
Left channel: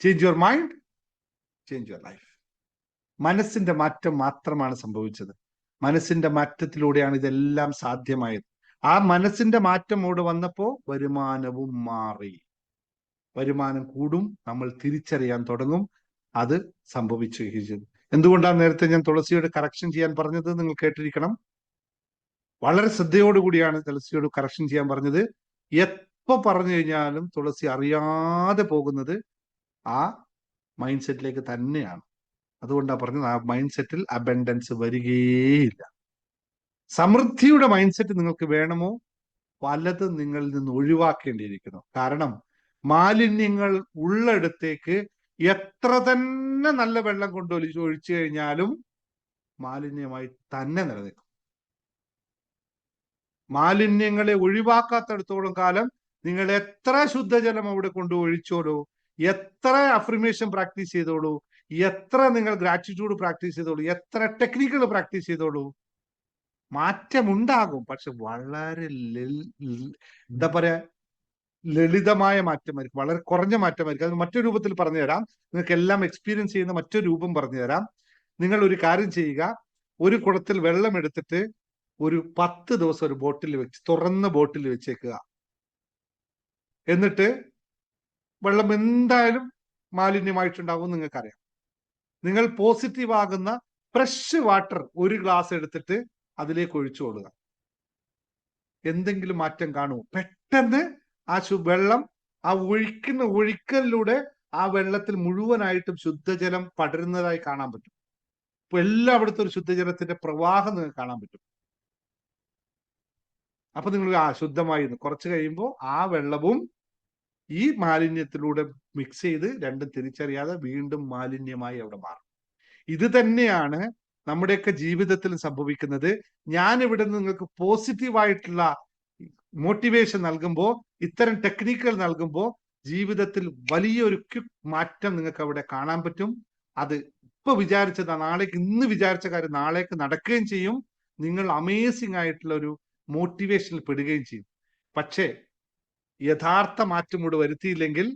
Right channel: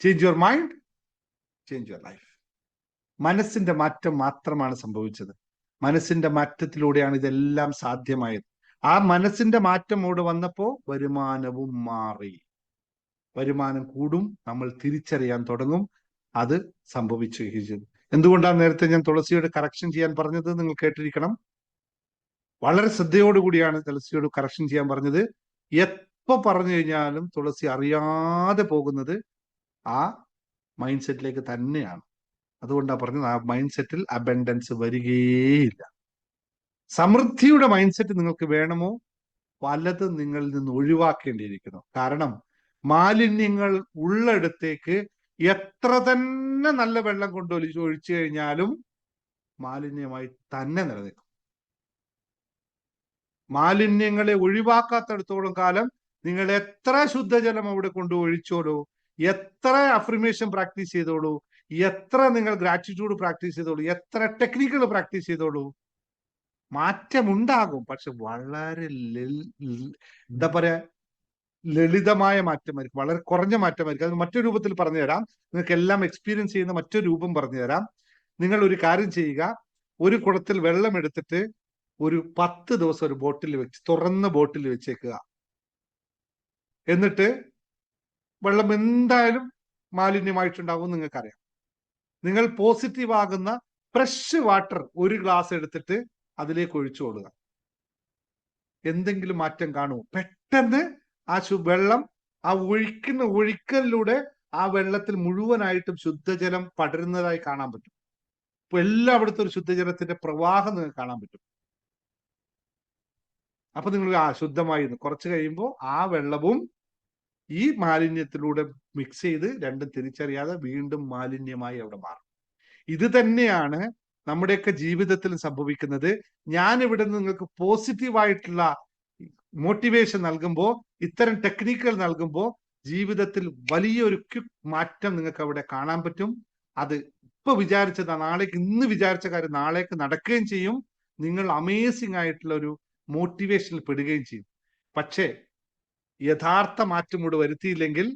Change your mind, change your life. മനസ്സിന്റെ മാറ്റം മാത്രമാണ് സംഭവിച്ചത്. മനസ്സിന്റെ മാറ്റത്തിലൂടെയാണ് ഇതെല്ലാം സാധ്യമായത്. ആ മനസ്സിന്റെ മാറ്റം ഇവിടെ വന്നപ്പോ വരുമാനവും മാറി. വരുമാനം കൂടും, നമ്മൾ തിരിച്ചറിയാൻ തുടങ്ങും. അത് സംഭവിച്ചു. എന്തുകൊണ്ടാണ് നേരത്തെ ഞാൻ തുളസിയോട് കറക്ഷൻ ചെയ്യാൻ പറഞ്ഞത്? നിങ്ങൾ കേട്ടിരിക്കണം. വളരെ ശ്രദ്ധയോടുകൂടിയാണ് തുളസിയോട് കറക്ഷൻ ചെയ്യാൻ പറഞ്ഞത്. എപ്പോ പറഞ്ഞു കഴിഞ്ഞാലും തുളസി അറിയാതെ പോകുന്നത് ആ മൈൻഡ് സെറ്റിലേക്ക് തന്നെയാണ്. അതുകൊണ്ടാണ് പറഞ്ഞത്, ആ മൈൻഡ് സെറ്റിൽ അബൻഡൻസ് വരികയില്ല. സമൃദ്ധിയുടെ മൈൻഡ് സെറ്റ് നിങ്ങൾക്ക് വേണമോ? പലതും നിങ്ങളിൽ നിന്ന് ഒഴിവാക്കേണ്ടിയിരിക്കുന്നു. കാരണം മാലിന്യങ്ങൾ ഉള്ളിടത്തേക്ക് എത്ര തന്നെ നല്ല വെള്ളം കൊണ്ട് ഒഴിച്ചു കഴിഞ്ഞാലും മാലിന്യമായി തന്നെ നിലനിൽക്കും. മാലിന്യങ്ങളെ ഒഴിവാക്കാത്തടത്തോളം കാലം നിങ്ങൾ എത്ര ശുദ്ധജലം അവിടെ കൊണ്ട് ഒഴിച്ചോളൂ, എത്ര അഫർമേഷൻ പ്രാക്ടീസ് ചെയ്തോളൂ, എത്ര നിങ്ങൾ ഗ്രാറ്റിറ്റ്യൂഡ് പ്രാക്ടീസ് ചെയ്തോളൂ, എത്ര ടെക്നിക്കുകൾ പ്രാക്ടീസ് ചെയ്തോളൂ, മാറ്റമുണ്ടാകും. പക്ഷെ വളരെ എന്താ പറയാ, ലളിതമായ മാറ്റമായിരിക്കും, വളരെ കുറഞ്ഞ മാറ്റമായിരിക്കും. അത് മറ്റൊരു രൂപത്തിൽ പറഞ്ഞു തരാം, നിങ്ങൾക്ക് എല്ലാം എക്സ്പീരിയൻസ് ചെയ്യുന്ന മറ്റൊരു രൂപം പറഞ്ഞു തരാം. നിങ്ങൾ ഒരു കാര്യം ചെയ്യുക, ഒരു കുടത്തിൽ വെള്ളം എടുത്തിട്ട് ഒരു 10 ദിവസം ഒരു ബോട്ടിൽ വെച്ച്, തുറന്ന ബോട്ടിൽ വെച്ചേക്കുക. എന്നിട്ട് വെള്ളം എന്തായാലും മാലിന്യമായിട്ടുണ്ടാവും നിങ്ങൾക്കറിയാം. നിങ്ങൾ പോസിറ്റീവ് ആകുന്ന ഫ്രഷ് വാട്ടർ ഒരു ഗ്ലാസ് എടുത്തിട്ട് അതിലേക്ക് ഒഴിച്ചു കൊടുക്കുക. എന്തെങ്കിലും മാറ്റം കാണുമോ? പെട്ടെന്ന് ആ വെള്ളം, ആ ഒഴിക്കലിലൂടെ ആ വെള്ളത്തിൽ മുഴുവനായിട്ടും ശുദ്ധജലം പടരുന്നതായി കാണാൻ പറ്റും. ഇപ്പൊ എല്ലായിടത്തും ഒരു ശുദ്ധജലത്തിന്റെ പ്രവാഹം നിങ്ങൾക്ക് കാണാൻ പറ്റും. അപ്പൊ നിങ്ങൾ ശുദ്ധമായി കുറച്ച് കഴിയുമ്പോൾ ആ വെള്ളവും ഈ മാലിന്യത്തിലൂടെ മിക്സ് ചെയ്ത് രണ്ടും തിരിച്ചറിയാതെ വീണ്ടും മാലിന്യമായി അവിടെ മാറും. ഇത് തന്നെയാണ് നമ്മുടെയൊക്കെ ജീവിതത്തിൽ സംഭവിക്കുന്നത്. ഞാൻ ഇവിടെ നിങ്ങൾക്ക് പോസിറ്റീവായിട്ടുള്ള മോട്ടിവേഷൻ നൽകുമ്പോൾ, ഇത്തരം ടെക്നിക്കുകൾ നൽകുമ്പോൾ ജീവിതത്തിൽ വലിയൊരു മാറ്റം നിങ്ങൾക്ക് അവിടെ കാണാൻ പറ്റും. അത് ഇപ്പൊ വിചാരിച്ചത് നാളേക്ക്, ഇന്ന് വിചാരിച്ച കാര്യം നാളേക്ക് നടക്കുകയും ചെയ്യും. നിങ്ങൾ അമേസിംഗ് ആയിട്ടുള്ള ഒരു മോട്ടിവേഷനിൽ പെടുകയും ചെയ്യും. പക്ഷേ യഥാർത്ഥ മാറ്റം ഇവിടെ വരുത്തിയില്ലെങ്കിൽ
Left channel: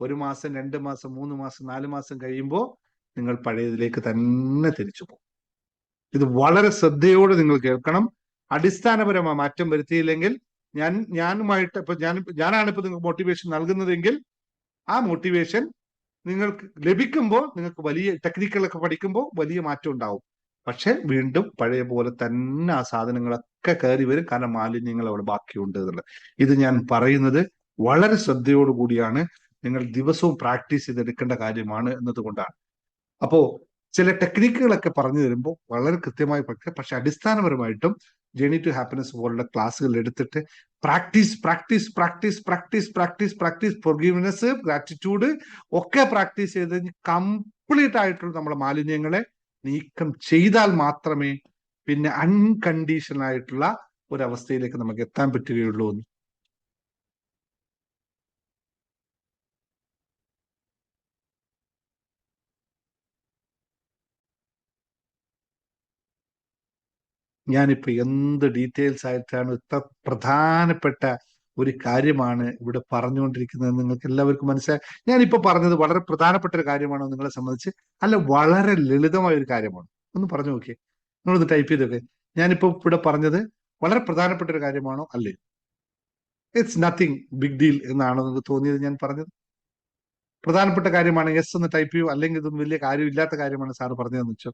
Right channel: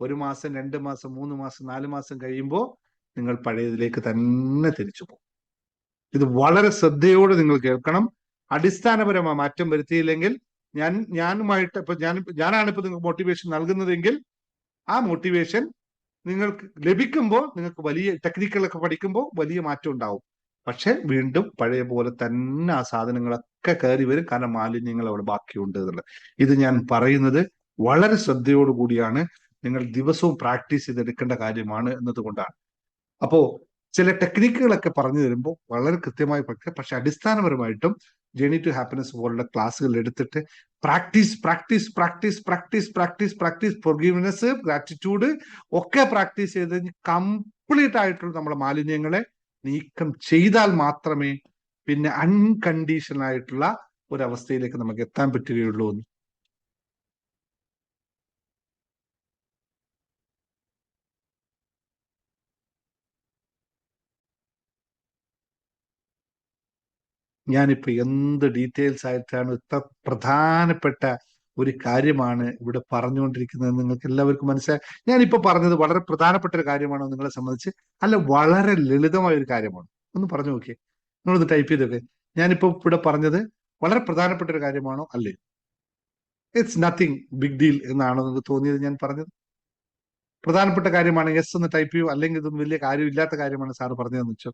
1 മാസം 2 മാസം 3 മാസം 4 മാസം കഴിയുമ്പോൾ നിങ്ങൾ പഴയതിലേക്ക് തന്നെ തിരിച്ചു പോകും. ഇത് വളരെ ശ്രദ്ധയോടെ നിങ്ങൾ കേൾക്കണം. അടിസ്ഥാനപരമായ മാറ്റം വരുത്തിയില്ലെങ്കിൽ ഞാനാണ് ഇപ്പൊ നിങ്ങൾക്ക് മോട്ടിവേഷൻ നൽകുന്നതെങ്കിൽ ആ മോട്ടിവേഷൻ നിങ്ങൾക്ക് ലഭിക്കുമ്പോൾ നിങ്ങൾക്ക് വലിയ ടെക്നിക്കുകളൊക്കെ പഠിക്കുമ്പോൾ വലിയ മാറ്റം ഉണ്ടാവും. പക്ഷെ വീണ്ടും പഴയ പോലെ തന്നെ ആ സാധനങ്ങളൊക്കെ കയറി വരും, കാരണം മാലിന്യങ്ങൾ അവിടെ ബാക്കിയുണ്ട് എന്നുള്ളത്. ഇത് ഞാൻ പറയുന്നത് വളരെ ശ്രദ്ധയോടു കൂടിയാണ്. നിങ്ങൾ ദിവസവും പ്രാക്ടീസ് ചെയ്തെടുക്കേണ്ട കാര്യമാണ് എന്നതുകൊണ്ടാണ്. അപ്പോ ചില ടെക്നിക്കുകളൊക്കെ പറഞ്ഞു തരുമ്പോൾ വളരെ കൃത്യമായി പഠിക്കുക. പക്ഷെ അടിസ്ഥാനപരമായിട്ടും ജേണി ടു ഹാപ്പിനെസ് പോലുള്ള ക്ലാസ്സുകൾ എടുത്തിട്ട് പ്രാക്ടീസ് ഫോർഗീവ്നെസ്, ഗ്രാറ്റിറ്റ്യൂഡ് ഒക്കെ പ്രാക്ടീസ് ചെയ്ത് കംപ്ലീറ്റ് ആയിട്ടുള്ള നമ്മുടെ മാലിന്യങ്ങളെ നീക്കം ചെയ്താൽ മാത്രമേ പിന്നെ അൺകണ്ടീഷണൽ ആയിട്ടുള്ള ഒരവസ്ഥയിലേക്ക് നമുക്ക് എത്താൻ പറ്റുകയുള്ളൂ. ഞാനിപ്പോ എന്ത് ഡീറ്റെയിൽസ് ആയിട്ടാണ്, ഇത്ര പ്രധാനപ്പെട്ട ഒരു കാര്യമാണ് ഇവിടെ പറഞ്ഞുകൊണ്ടിരിക്കുന്നത്, നിങ്ങൾക്ക് എല്ലാവർക്കും മനസ്സിലായി. ഞാനിപ്പോ പറഞ്ഞത് വളരെ പ്രധാനപ്പെട്ട ഒരു കാര്യമാണോ നിങ്ങളെ സംബന്ധിച്ച്? അല്ല, വളരെ ലളിതമായ ഒരു കാര്യമാണ്. ഒന്ന് പറഞ്ഞു നോക്കിയേ, നിങ്ങളൊന്ന് ടൈപ്പ് ചെയ്തൊക്കെ. ഞാനിപ്പോ ഇവിടെ പറഞ്ഞത് വളരെ പ്രധാനപ്പെട്ട ഒരു കാര്യമാണോ അല്ലേ? ഇറ്റ്സ് നത്തിങ് ബിഗ് ഡീൽ എന്നാണോ നിങ്ങൾക്ക് തോന്നിയത് ഞാൻ പറഞ്ഞത്? പ്രധാനപ്പെട്ട കാര്യമാണ് യെസ് എന്ന് ടൈപ്പ് ചെയ്യൂ, അല്ലെങ്കിൽ ഇതൊന്നും വലിയ കാര്യമില്ലാത്ത കാര്യമാണ് സാറ് പറഞ്ഞതെന്ന് വെച്ചോ.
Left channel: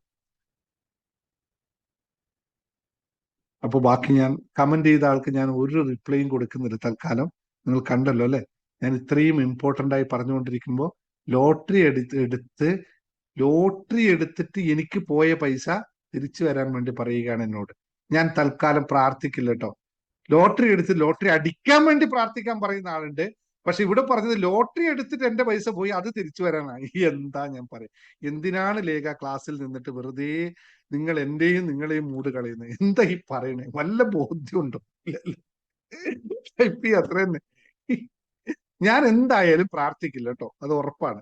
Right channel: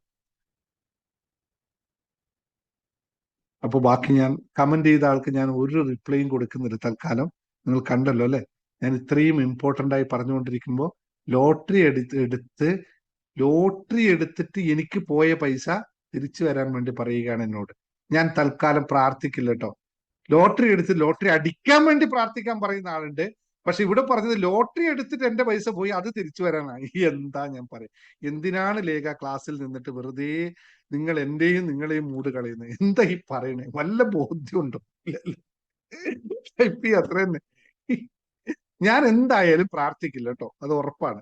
അപ്പൊ ബാക്കി ഞാൻ കമന്റ് ചെയ്ത ആൾക്ക് ഞാൻ ഒരു റിപ്ലൈയും കൊടുക്കുന്നില്ല തൽക്കാലം. നിങ്ങൾ കണ്ടല്ലോ അല്ലെ, ഞാൻ ഇത്രയും ഇമ്പോർട്ടന്റ് ആയി പറഞ്ഞുകൊണ്ടിരിക്കുമ്പോൾ ലോട്ടറി എടുത്തിട്ട് എനിക്ക് പോയ പൈസ തിരിച്ചു തരാൻ വേണ്ടി പറയുകയാണ് എന്നോട്. ഞാൻ തൽക്കാലം പ്രാർത്ഥിക്കില്ല കേട്ടോ. ലോട്ടറി അടിക്കാൻ വേണ്ടി പ്രാർത്ഥിക്കാൻ പറയുന്ന ആളുണ്ട്. പക്ഷെ ഇവിടെ പറഞ്ഞത് ലോട്ടറി എടുത്തിട്ട് എന്റെ പൈസ പോയി, അത് തിരിച്ചു വരാനായി. എന്താ ഞാൻ പറയാം, എന്തിനാണ് ലേഖ ക്ലാസ്സിൽ നിന്നിട്ട് വെറുതെ നിങ്ങൾ എന്റെയും നിങ്ങളെയും മൂട് കളയുന്നത്? എന്താ ഈ പറയണേ? വല്ല ബോധ്യമുണ്ടോ? അത്ര തന്നെ. ഞാൻ എന്തായാലും പ്രാർത്ഥിക്കില്ല കേട്ടോ, അത് ഉറപ്പാണ്.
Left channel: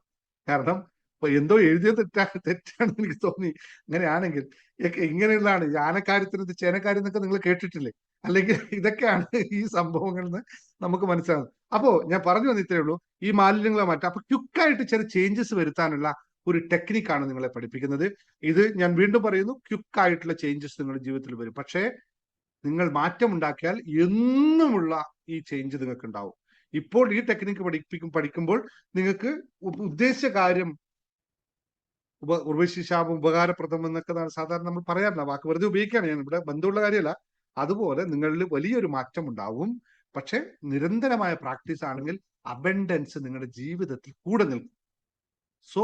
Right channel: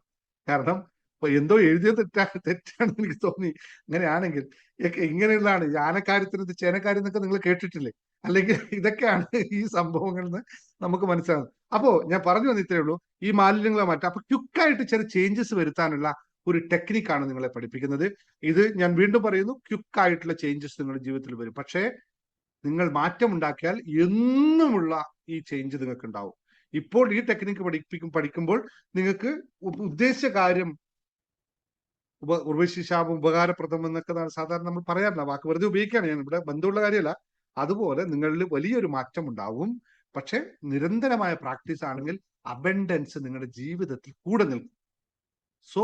കാരണം ഇപ്പൊ എന്തോ എഴുതിയത് തെറ്റാണെന്ന് എനിക്ക് തോന്നി. അങ്ങനെയാണെങ്കിൽ ഇങ്ങനെയുള്ളതാണ് ആനക്കാര്യത്തിന് ചേനക്കാര്യം എന്നൊക്കെ നിങ്ങൾ കേട്ടിട്ടില്ലേ? അല്ലെങ്കിൽ ഇതൊക്കെയാണ് ഈ സംഭവങ്ങളിൽ നിന്ന് നമുക്ക് മനസ്സിലാകുന്നത്. അപ്പോ ഞാൻ പറഞ്ഞു വന്നിട്ടേ ഉള്ളൂ, ഈ മാലിന്യങ്ങളെ മാറ്റാം. അപ്പൊ ക്വിക്കായിട്ട് ചില ചേഞ്ചസ് വരുത്താനുള്ള ഒരു ടെക്നിക്കാണ് നിങ്ങളെ പഠിപ്പിക്കുന്നത്. ഇത് ഞാൻ വീണ്ടും പറയുന്നു, ക്വിക്കായിട്ടുള്ള ചേഞ്ചസ് നിങ്ങളുടെ ജീവിതത്തിൽ വരും. പക്ഷേ നിങ്ങൾ മാറ്റം ഉണ്ടാക്കിയാൽ എന്നുമുള്ള ഈ ചേഞ്ച് നിങ്ങൾക്ക് ഉണ്ടാവും. ഇപ്പോൾ ഈ ടെക്നിക്ക് പഠിക്കുമ്പോൾ നിങ്ങൾക്ക് ഉദ്ദേശിച്ച കാര്യം ഉപകാരപ്രദം എന്നൊക്കെ സാധാരണ നമ്മൾ പറയാറില്ല, വാക്ക് വെറുതെ ഉപയോഗിക്കാണ്, ഞാൻ ഇവിടെ ബന്ധമുള്ള കാര്യമല്ല. അതുപോലെ നിങ്ങളിൽ വലിയൊരു മാറ്റം ഉണ്ടാവും. പക്ഷെ നിരന്തരമായ പ്രാക്ടീസ് ആണെങ്കിൽ അബണ്ടൻസ് നിങ്ങളുടെ ജീവിതത്തിൽ കൂടെ നിൽക്കും. സോ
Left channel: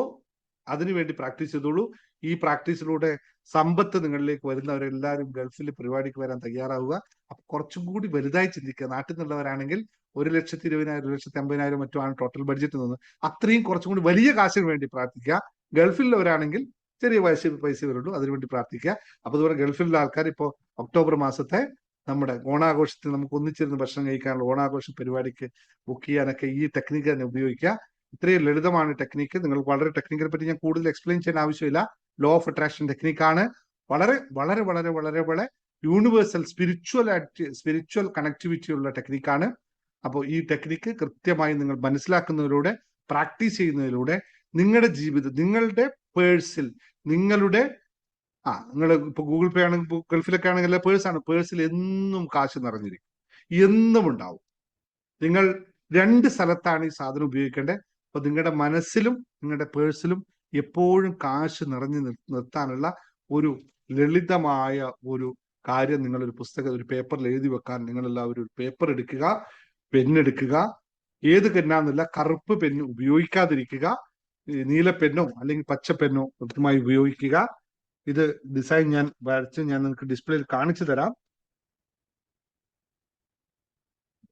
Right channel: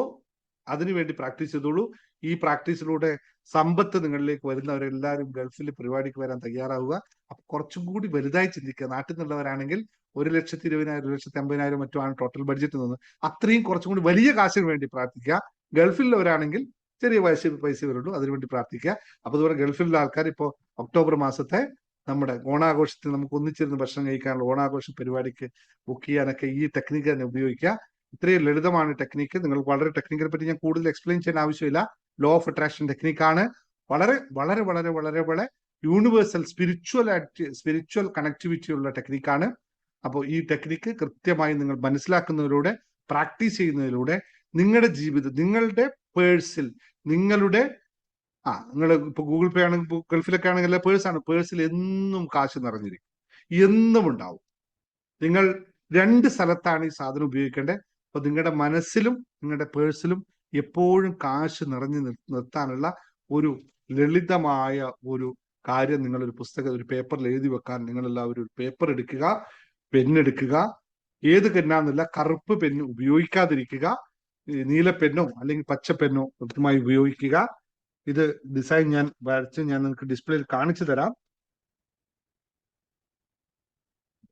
അതിനുവേണ്ടി പ്രാക്ടീസ് ചെയ്തോളൂ. ഈ പ്രാക്ടീസിലൂടെ സമ്പത്ത് നിങ്ങളിലേക്ക് വരുന്നവരെല്ലാവരും ഗൾഫിൽ പരിപാടിക്ക് വരാൻ തയ്യാറാവുക. അപ്പൊ കുറച്ചും കൂടി വലുതായി ചിന്തിക്കുക. നാട്ടിൽ നിന്നുള്ളവരാണെങ്കിൽ 1,20,000, 1,50,000 മറ്റോ ആണ് ടോട്ടൽ ബഡ്ജറ്റ് നിന്ന്. അത്രയും കുറച്ചും കൂടി വലിയ കാശിന് വേണ്ടി പ്രാർത്ഥിക്കുക. ഗൾഫിലുള്ളവരാണെങ്കിൽ ചെറിയ പൈസ വരുള്ളൂ, അതിനുവേണ്ടി പ്രാർത്ഥിക്കുക. അപ്പൊ അതുപോലെ ഗൾഫിലുള്ള ആൾക്കാർ ഇപ്പോ ഒക്ടോബർ മാസത്തെ നമ്മുടെ ഓണാഘോഷത്തിന് നമുക്ക് ഒന്നിച്ചിരുന്ന് ഭക്ഷണം കഴിക്കാനുള്ള ഓണാഘോഷ പരിപാടിക്ക് ബുക്ക് ചെയ്യാനൊക്കെ ഈ ടെക്നിക്ക് തന്നെ ഉപയോഗിക്കുക. ഇത്രയും ലളിതമാണ് ടെക്നിക്ക്. നിങ്ങൾ വളരെ ടെക്നിക്കിനെ പറ്റി ഞാൻ കൂടുതൽ എക്സ്പ്ലെയിൻ ചെയ്യാൻ ആവശ്യമില്ല. ലോ ഓഫ് അട്രാക്ഷൻ ടെക്നിക്കാണ്. വളരെ വളരെ വളരെ വളരെ വളരെ യൂണിവേഴ്സൽ സ്പിരിച്വൽ കണക്ടിവിറ്റി ഉള്ള ടെക്നിക്കാണ്. അപ്പോൾ ഈ ടെക്നിക്ക് കൃത്യമായി നിങ്ങൾ മനസ്സിലാക്കുന്നതിലൂടെ പ്രാക്ടീസ് ചെയ്യുന്നതിലൂടെ നിങ്ങളുടെ ജീവിതം, നിങ്ങളുടെ പേഴ്സിൽ, നിങ്ങളുടെ നിങ്ങൾ ഇപ്പൊ ഗൂഗിൾ പേ ആണെങ്കിൽ ഗൾഫിലൊക്കെ ആണെങ്കിൽ പേഴ്സാണ്, പേഴ്സിൽ എന്നും കാശ് നിറഞ്ഞിരിക്കും, എന്നും ഉണ്ടാവും. നിങ്ങൾ രണ്ട് സ്ഥലത്താണ് ഈ സാധനം ഉപയോഗിക്കേണ്ടത്. അപ്പൊ നിങ്ങളുടെ മനസ്സിലും നിങ്ങളുടെ പേഴ്സിലും എപ്പോഴും കാശ് നിറഞ്ഞു നിർത്താനുള്ള ഒരു ലളിതമായ ഒരു കാര്യം നിങ്ങളൊരു പുസ്തകം, ഒരു പേപ്പറിൽ എഴുതി വെക്കാൻ നിങ്ങൾ എല്ലാവരും ഒരു പേപ്പർ എടുക്കുക, പെന്നെടുക്കുക. ഏത് പെന്നാന്നില്ല, കറുപ്പ് പെന്ന് ഉപയോഗിക്കാതിരിക്കുക. നീല പെന്നോ അല്ലെങ്കിൽ പച്ച പെന്നോ കൃത്യമായി ഉപയോഗിക്കുക. ഇത് ഡിസൈൻ ഞാൻ വരച്ച് ഞാൻ നിങ്ങൾക്ക് ഡിസ്പ്ലേയിൽ കാണിച്ചു തരാം.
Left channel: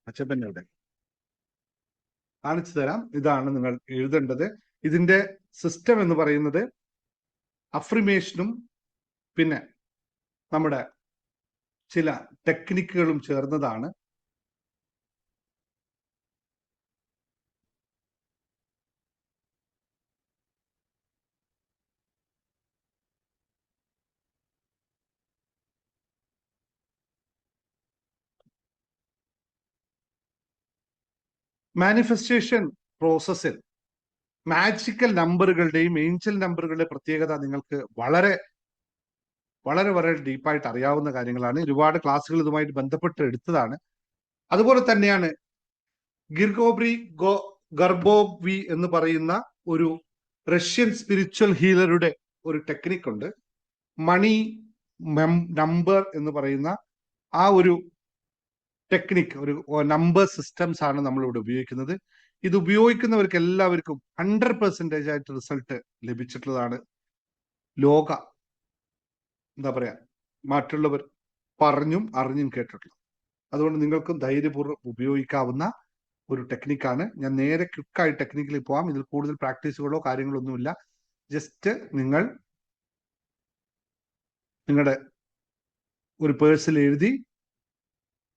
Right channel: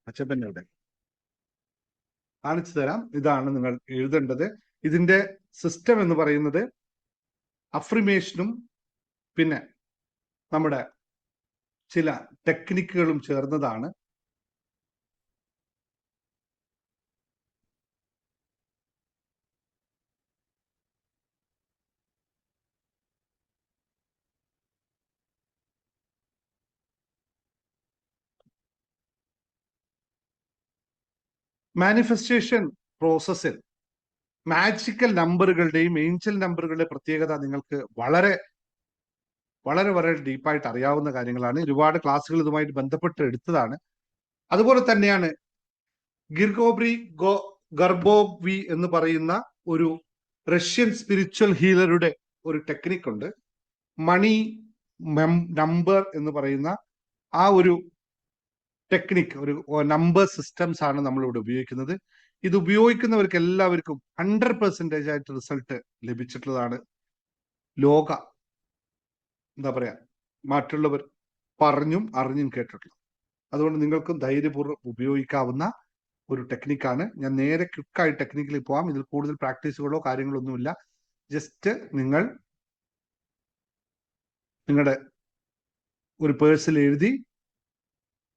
പച്ച പെന്നവിടെ കാണിച്ചു തരാം. ഇതാണ് നിങ്ങൾ എഴുതേണ്ടത്. ഇതിന്റെ സിസ്റ്റം എന്ന് പറയുന്നത് അഫ്രിമേഷനും പിന്നെ നമ്മുടെ ചില ടെക്നിക്കുകളും ചേർന്നതാണ്. മാനിഫെസ്റ്റേഷൻ പ്രോസസ്സിൽ മാജിക്കൽ നമ്പറുകളുടെയും ഏഞ്ചൽ നമ്പറുകളുടെ പ്രത്യേകത നിങ്ങൾക്ക് വളരെ വളരെ വളരെ ഡീപ്പായിട്ട് അറിയാവുന്ന കാര്യങ്ങളാണ്. ഒരുപാട് ക്ലാസ്സുകൾ ഇതുമായിട്ട് ബന്ധപ്പെട്ട് എടുത്തതാണ്. അതുപോലെ തന്നെയാണ് ഗിർഗോബ്രി ഗർബോവി എന്ന് പറയുന്ന ഒരു റഷ്യൻ സ്പിരിച്വൽ ഹീലറുടെ ഒരു ടെക്നിക് ഉണ്ട്. മണി നമ്പർ എന്ന് പറയുന്ന ആ ഒരു ടെക്നിക്, ഒരു നമ്പർ സിസ്റ്റംസ് ആണ് നമ്മൾ ഇവിടെ ഉപയോഗിക്കുന്നത്. ഇത് ഉപയോഗിക്കുന്നവർക്ക് എല്ലാവർക്കും 100% ആയിട്ട് റിസൾട്ട് ലഭിച്ചിട്ടുള്ളതാണ്. ലോക എന്താ പറയാ, മറ്റുള്ളവർ പറഞ്ഞും അറിഞ്ഞും കേട്ടിട്ടുള്ളത്. അതുകൊണ്ട് നിങ്ങൾക്കും ധൈര്യപൂർവ്വം ഉപയോഗിക്കാവുന്ന ഒരു ടെക്നിക്കാണ്. ഞാൻ നേരെ ക്വിക്കായി ടെക്നിക്കിൽ പോവാം. ഇതിൽ കൂടുതൽ പ്രാക്ടീസുകളോ കാര്യങ്ങളോ ഒന്നുമില്ല. ജസ്റ്റ് നിങ്ങൾ നിങ്ങളുടെ ഒരു പേഴ്സിൽ എഴുതി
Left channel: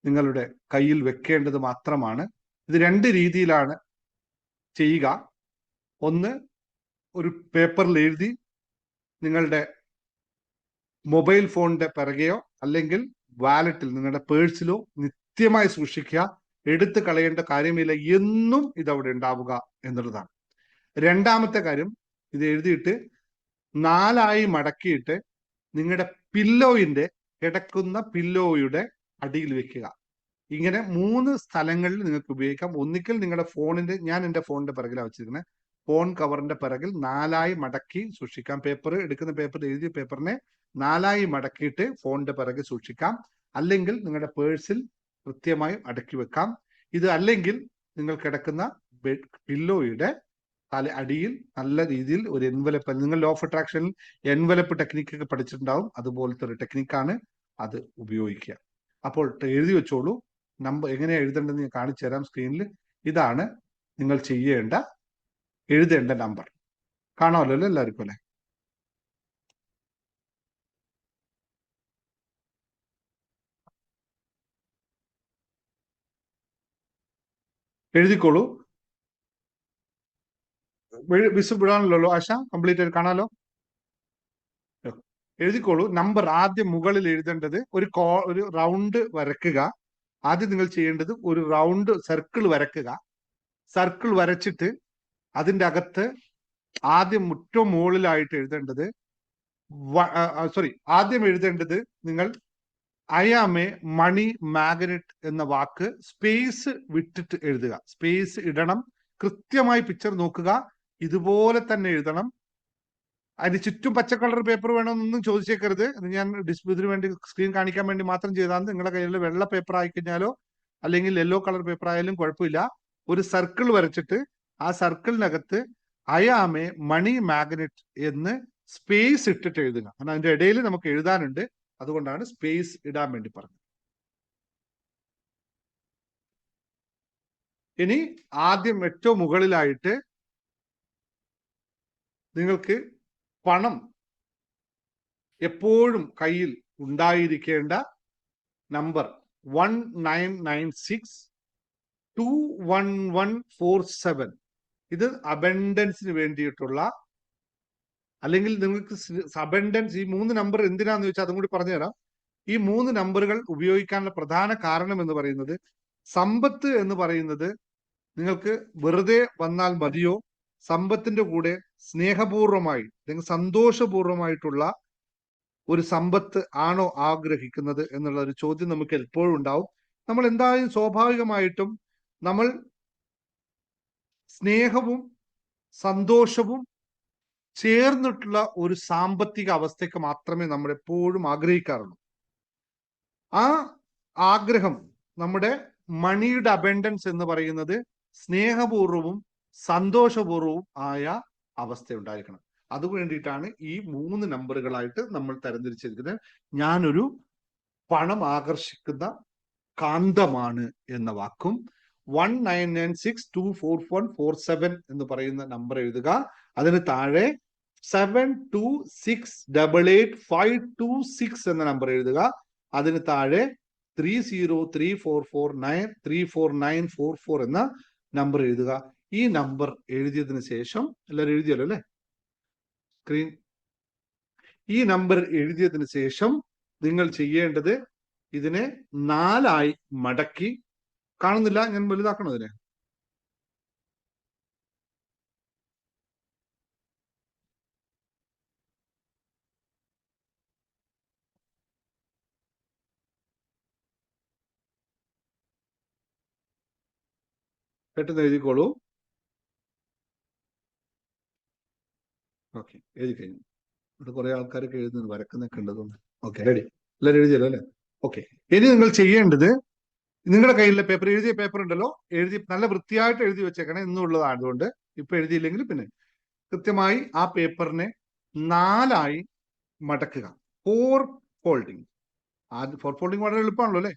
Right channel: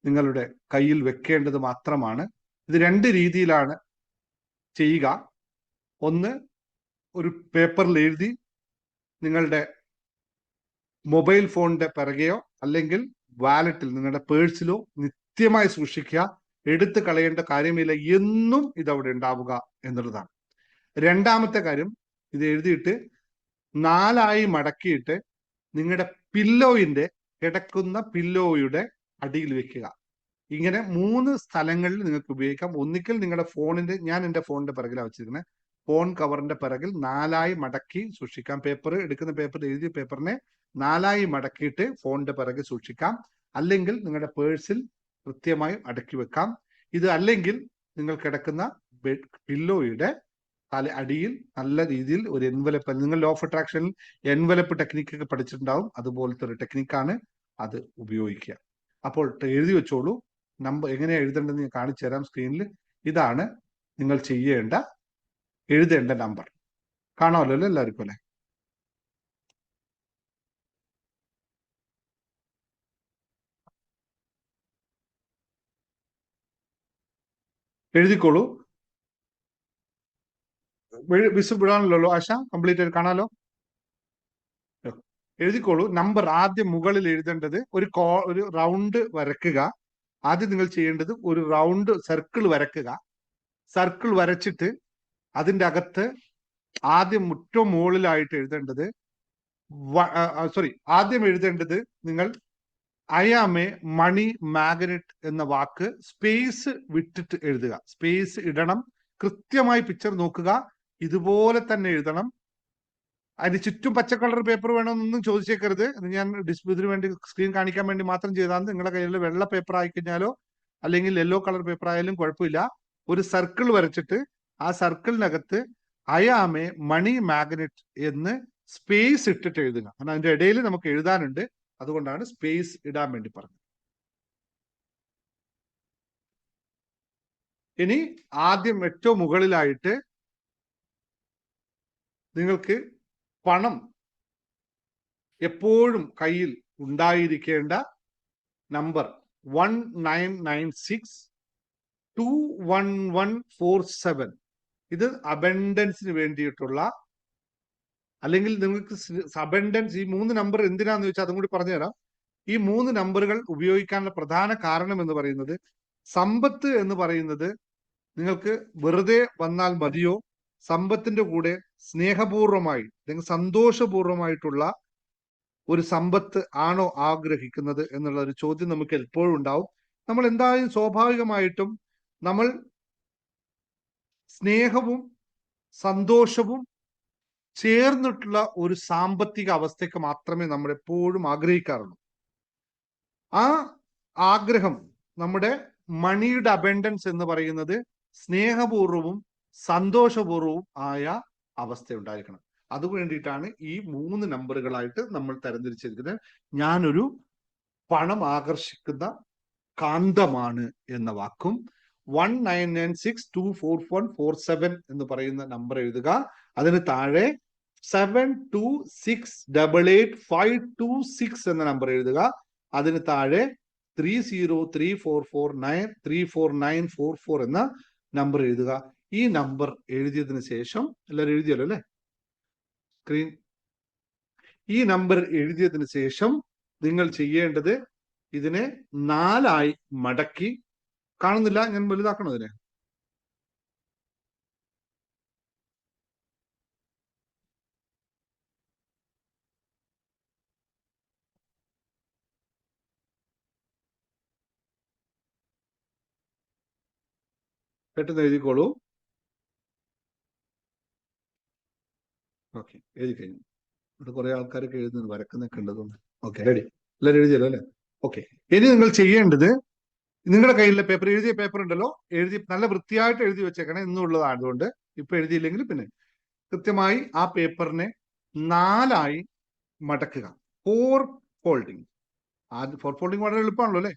നിങ്ങളുടെ കയ്യിൽ വെക്കേണ്ടത് മാത്രമാണ്. ഇത് രണ്ട് രീതിയിലാണ് ചെയ്യുക. ഒന്ന്, ഒരു പേപ്പറിൽ എഴുതി നിങ്ങളുടെ മൊബൈൽ ഫോണിന്റെ പിറകെയോ അല്ലെങ്കിൽ വാലറ്റിൽ നിങ്ങളുടെ പേഴ്സിലോ നിത്യമായി സൂക്ഷിക്കുക. എടുത്തു കളയേണ്ട കാര്യമില്ല, എന്നും ഇതവിടെ ഉണ്ടാവുക എന്നുള്ളതാണ്. രണ്ടാമത്തെ കാര്യം, ഇത് എഴുതിയിട്ട് 4 മടക്കിയിട്ട് നിങ്ങളുടെ പില്ലോയിന്റെ കിടക്കുന്ന പില്ലോയുടെ അടിയിൽ വെക്കുക. ഇങ്ങനെ 3 സ്ഥലങ്ങളിൽ നിങ്ങൾക്ക് ഉപയോഗിക്കാം. ഒന്നിക്കൽ നിങ്ങളുടെ ഫോണിന്റെ, ഞാൻ എൻ്റെ ഫോണിന്റെ പിറകിലാണ് വെച്ചിരിക്കുന്നത്, ഫോൺ കവറിന്റെ പിറകിൽ 4 മടക്കി സൂക്ഷിക്കാം. പേപ്പർ എടുക്കുന്ന പേപ്പർ എഴുതിയ പേപ്പറിനെ 4 മടക്കിയിട്ട് ഫോണിന്റെ പിറകിൽ സൂക്ഷിക്കാം. അല്ലെങ്കിൽ നിങ്ങളുടെ പേഴ്സിൽ കൃത്യമായി അടക്കി വെക്കാം. ഇത് അല്ലെങ്കിൽ നിങ്ങൾ കിടക്കുന്ന പില്ലോയുടെ അടിയിൽ നല്ല രീതിയിൽ ഒരു എൻവലപ്പ്, നിങ്ങൾ ലോ ഓഫ് അട്രാക്ഷനിൽ എൻവലപ്പ് ടെക്നിക്കൊക്കെ പഠിച്ചിട്ടുണ്ടാവും, അതുപോലത്തെ ഒരു ടെക്നിക്കാണ്, അത് ഉപയോഗിക്കുക. അപ്പോൾ എഴുതി വെച്ചോളൂ. നമ്പർ എങ്ങനെയാണ് എഴുതേണ്ടതെന്ന് ഞാൻ കാണിച്ചു തരാം സ്ക്രീനിൽ. ഇതാണ് നിങ്ങൾ എഴുതേണ്ട നമ്പർ. കാണാമല്ലോ അല്ലേ എല്ലാവർക്കും അല്ലേ? എഴുതിക്കോളൂ. വിടാണല്ലോ ആശ, കംപ്ലീറ്റ് ആയിട്ട് കാണാലോ? എഴുതിക്കോളൂ. നമ്പർ ആദ്യം മുകളിൽ എഴുതേണ്ടത് ഒരു റൗണ്ട് വരക്കുക. ആദ്യം നിങ്ങൾ ചെയ്യേണ്ടത് ഒരു റൗണ്ട് സർക്കിൾ വരക്കുക. സർക്കിൾ വരച്ചിട്ട് അതിൻ്റെ അകത്ത് ആദ്യം ഏറ്റവും മുകളിലായിട്ട് എഴുതേണ്ടത് ആദ്യം എഴുതേണ്ടത് നിങ്ങൾ I am a money magnet എന്ന വാക്ക് സ്പേസ് വിട്ടിട്ട് എഴുതുക. സ്പേസ് ഇടണം. കൃത്യമായി പിക്ചർ നോക്കുക. ഇതുപോലെ തന്നെ എഴുതണം. അതിന് ചുറ്റും പച്ച കളർ പേപ്പർ വേണമെന്നൊന്നും ചോദിച്ചേക്കരുത്. ഞാൻ ഡിസ്പ്ലേന് വേണ്ടി സ്ക്രീൻ കാണിക്കാൻ വേണ്ടി മാത്രം ചെയ്താണ്. നിങ്ങളുടെ കയ്യിൽ വെള്ള പേപ്പർ ആയിക്കഴിഞ്ഞാലോ അല്ലെങ്കിൽ യെല്ലോ കളർ പേപ്പർ ആയാലും കുഴപ്പമില്ല. ഒരു സർക്കിൾ വരച്ചിട്ട് ആ സർക്കിളിനകത്ത് I am a money magnet എന്ന് സ്പേസ് ഇട്ടിട്ട് എഴുതുക. കാരണം അതിന്റെ ഇടയിൽ നമുക്ക് എഴുതാനുണ്ട്, അതുകൊണ്ടാണ് സ്പേസ് ഇടാൻ വേണ്ടി പറഞ്ഞത്. ഇനി ആദ്യം ഏറ്റവും മുകളിലായിട്ട് നിങ്ങൾക്ക് പണം എപ്പോഴും കയ്യിൽ ഉണ്ടായിരിക്കേണ്ട നമ്പർ 1996-21147. ഇത് അബൻഡൻസിന് വേണ്ടിയിട്ടുള്ള, അല്ലെങ്കിൽ നിങ്ങൾക്ക് അബൻഡൻസ്, ഈ 3 നമ്പർ എന്തിനാന്ന് വെച്ചാൽ അതും കൂടി പറഞ്ഞുതരാം. ഈ 3 നമ്പറുകൾ ഉപയോഗിക്കാനുള്ള പ്രധാന കാരണം എന്ന് പറയുന്നത്, സമ്പത്ത് എന്ന് പറയുന്നത് നിങ്ങൾക്ക് വെറുതെ വന്നാൽ മതിയോ, സമ്പത്തിന്റെ കൂടെ സ്നേഹപൂർവമായി അല്ലെങ്കിൽ സന്തോഷപൂർവമായിട്ടുള്ള ഒരു സമ്പത്ത് ആണോ ആഗ്രഹിക്കുന്നത് എന്നുള്ള ഒരു ചോദ്യം നമുക്ക് എപ്പോഴും ഉണ്ടാവും. നമ്മൾ എന്തായാലും സ്വാഭാവികമായിട്ടും നമ്മൾ സ്നേഹവും സന്തോഷവും ചേർന്നിട്ടുള്ള ഒരു സാമ്പത്തിക അവസ്ഥയ്ക്ക് മാത്രമേ നമ്മൾ എപ്പോഴും ആഗ്രഹിക്കാറുള്ളൂ. ആ ആഗ്രഹം, നമ്മുടെ മണിയുടെ അബൻഡൻസ് എന്ന് പറയുന്നത് സ്നേഹപൂർവവും സന്തോഷപൂർവവും ആയ അവസ്ഥ ഉണ്ടായിരിക്കണം. അതുവേണ്ടിയിട്ടാണ് ഈ 3 നമ്പറുകളായിട്ട് നമ്മൾ തരംതിരിച്ചിരിക്കുന്നത്. ഞാനൊരു പണം ആകർഷിക്കുന്ന കാന്തമാണ് എന്ന വാക്കും 1996-24147 എന്ന് പറയുന്ന നമ്പർ എഴുതുക. അതിന് താഴെ 72688526 എന്ന നമ്പർ എഴുതുക. അതിന് താഴെ 3034493444 എന്ന നമ്പർ എഴുതുക. ഈ നമ്പർ എഴുതിയതിനു ശേഷം, എല്ലാവരും എഴുതിയല്ലോ അല്ലെ സ്ക്രീൻ? ഈ നമ്പർ എഴുതിയതിനു ശേഷം നിങ്ങൾ ചെയ്യേണ്ടത്, ഇതിനെ 4 മടക്കി, കാണുന്നില്ല, ഞാൻ വലുതാക്കണോ ഇതിനെ? പെട്ടെന്ന് എഴുതിക്കോളൂ. ഓക്കെ, എഴുതി കഴിഞ്ഞു. ഇവിടെ കുറെ ആൾക്കാരൊക്കെ എഴുതുന്നു, വരക്കുന്നൊക്കെ ഉള്ളതുകൊണ്ട്. Okay, ready? എല്ലാവരും എഴുതിയല്ലോ അല്ലെ? ഓക്കെ. ഇനി നിങ്ങൾ ചെയ്യേണ്ടത്, നിങ്ങളുടെ കയ്യിലെ പേപ്പർ, എഴുതിയ പേപ്പർ ഉണ്ടല്ലോ, എഴുതി നല്ല വൃത്തിയായിട്ട് എഴുതി വെച്ചേക്കണം. എന്നുള്ളതായതുകൊണ്ട് ഇപ്പൊ എഴുതിയില്ലെങ്കിൽ പിന്നെ കൃത്യമായി ആ പേപ്പറിനെ 4 മടക്കുക. 4 ഫോൾഡിങ്. ആദ്യം 4 ഫോൾഡിങ് വളരെ എളുപ്പമാണല്ലോ അല്ലെ?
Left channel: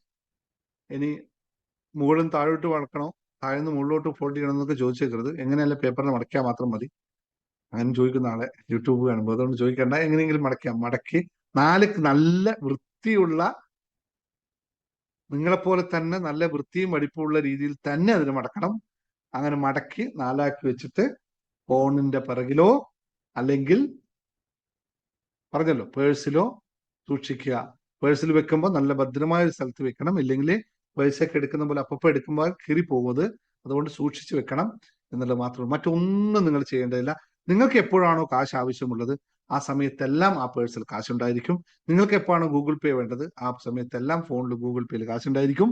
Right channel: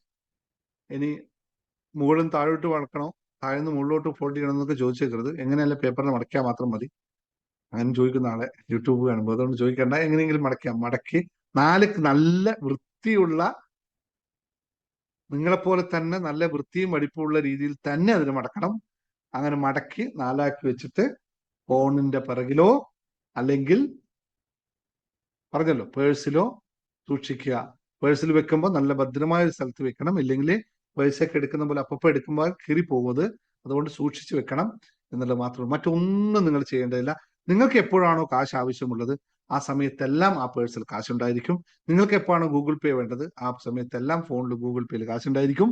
ഇനി മുകളിൽ താഴോട്ട് മടക്കണോ, താഴെന്ന് മുകളിലോട്ട് ഫോൾഡ് ചെയ്യണം എന്നൊക്കെ ചോദിച്ചേക്കരുത്. എങ്ങനെയല്ല പേപ്പറിനെ മടക്കിയാൽ മാത്രം മതി. അങ്ങനെ ചോദിക്കുന്ന ആളെ യൂട്യൂബ് കാണുമ്പോൾ, അതുകൊണ്ട് ചോദിക്കണ്ട, എങ്ങനെയെങ്കിലും മടക്കി 4 നല്ല വൃത്തിയുള്ള, നിങ്ങളെപ്പോലെ തന്നെ നല്ല വൃത്തിയും വെടിപ്പുള്ള രീതിയിൽ തന്നെ അതിന് മടക്കണം. അങ്ങനെ മടക്കി 4 വെച്ചിട്ട് ഫോണിന്റെ പിറകിലോ അല്ലെങ്കിൽ പറഞ്ഞല്ലോ പേഴ്സിലോ സൂക്ഷിക്കുക. പേഴ്സിൽ വെക്കുമ്പോൾ നല്ല ഭദ്രമായ ഒരു സ്ഥലത്ത് വെക്കണം. ഇല്ലെങ്കിൽ പൈസയൊക്കെ എടുക്കുന്ന പോലെ അപ്പപ്പോൾ എടുക്കുമ്പോൾ കീറി പോകുന്നത്. അതുകൊണ്ട് സൂക്ഷിച്ചു വെക്കണം എന്നുള്ളത് മാത്രമേ. മറ്റൊന്നും നിങ്ങൾ ചെയ്യേണ്ടതില്ല. നിങ്ങൾക്ക് എപ്പോഴാണോ കാശ് ആവശ്യമുള്ളത് ആ സമയത്തെല്ലാം ആ പേഴ്സിൽ കാശുണ്ടായിരിക്കും. നിങ്ങൾക്ക് എപ്പോഴാണോ ഗൂഗിൾ പേ വേണ്ടത് ആ സമയത്തെല്ലാം ഫോണിൽ ഗൂഗിൾ പേയിൽ കാശുണ്ടായിരിക്കും.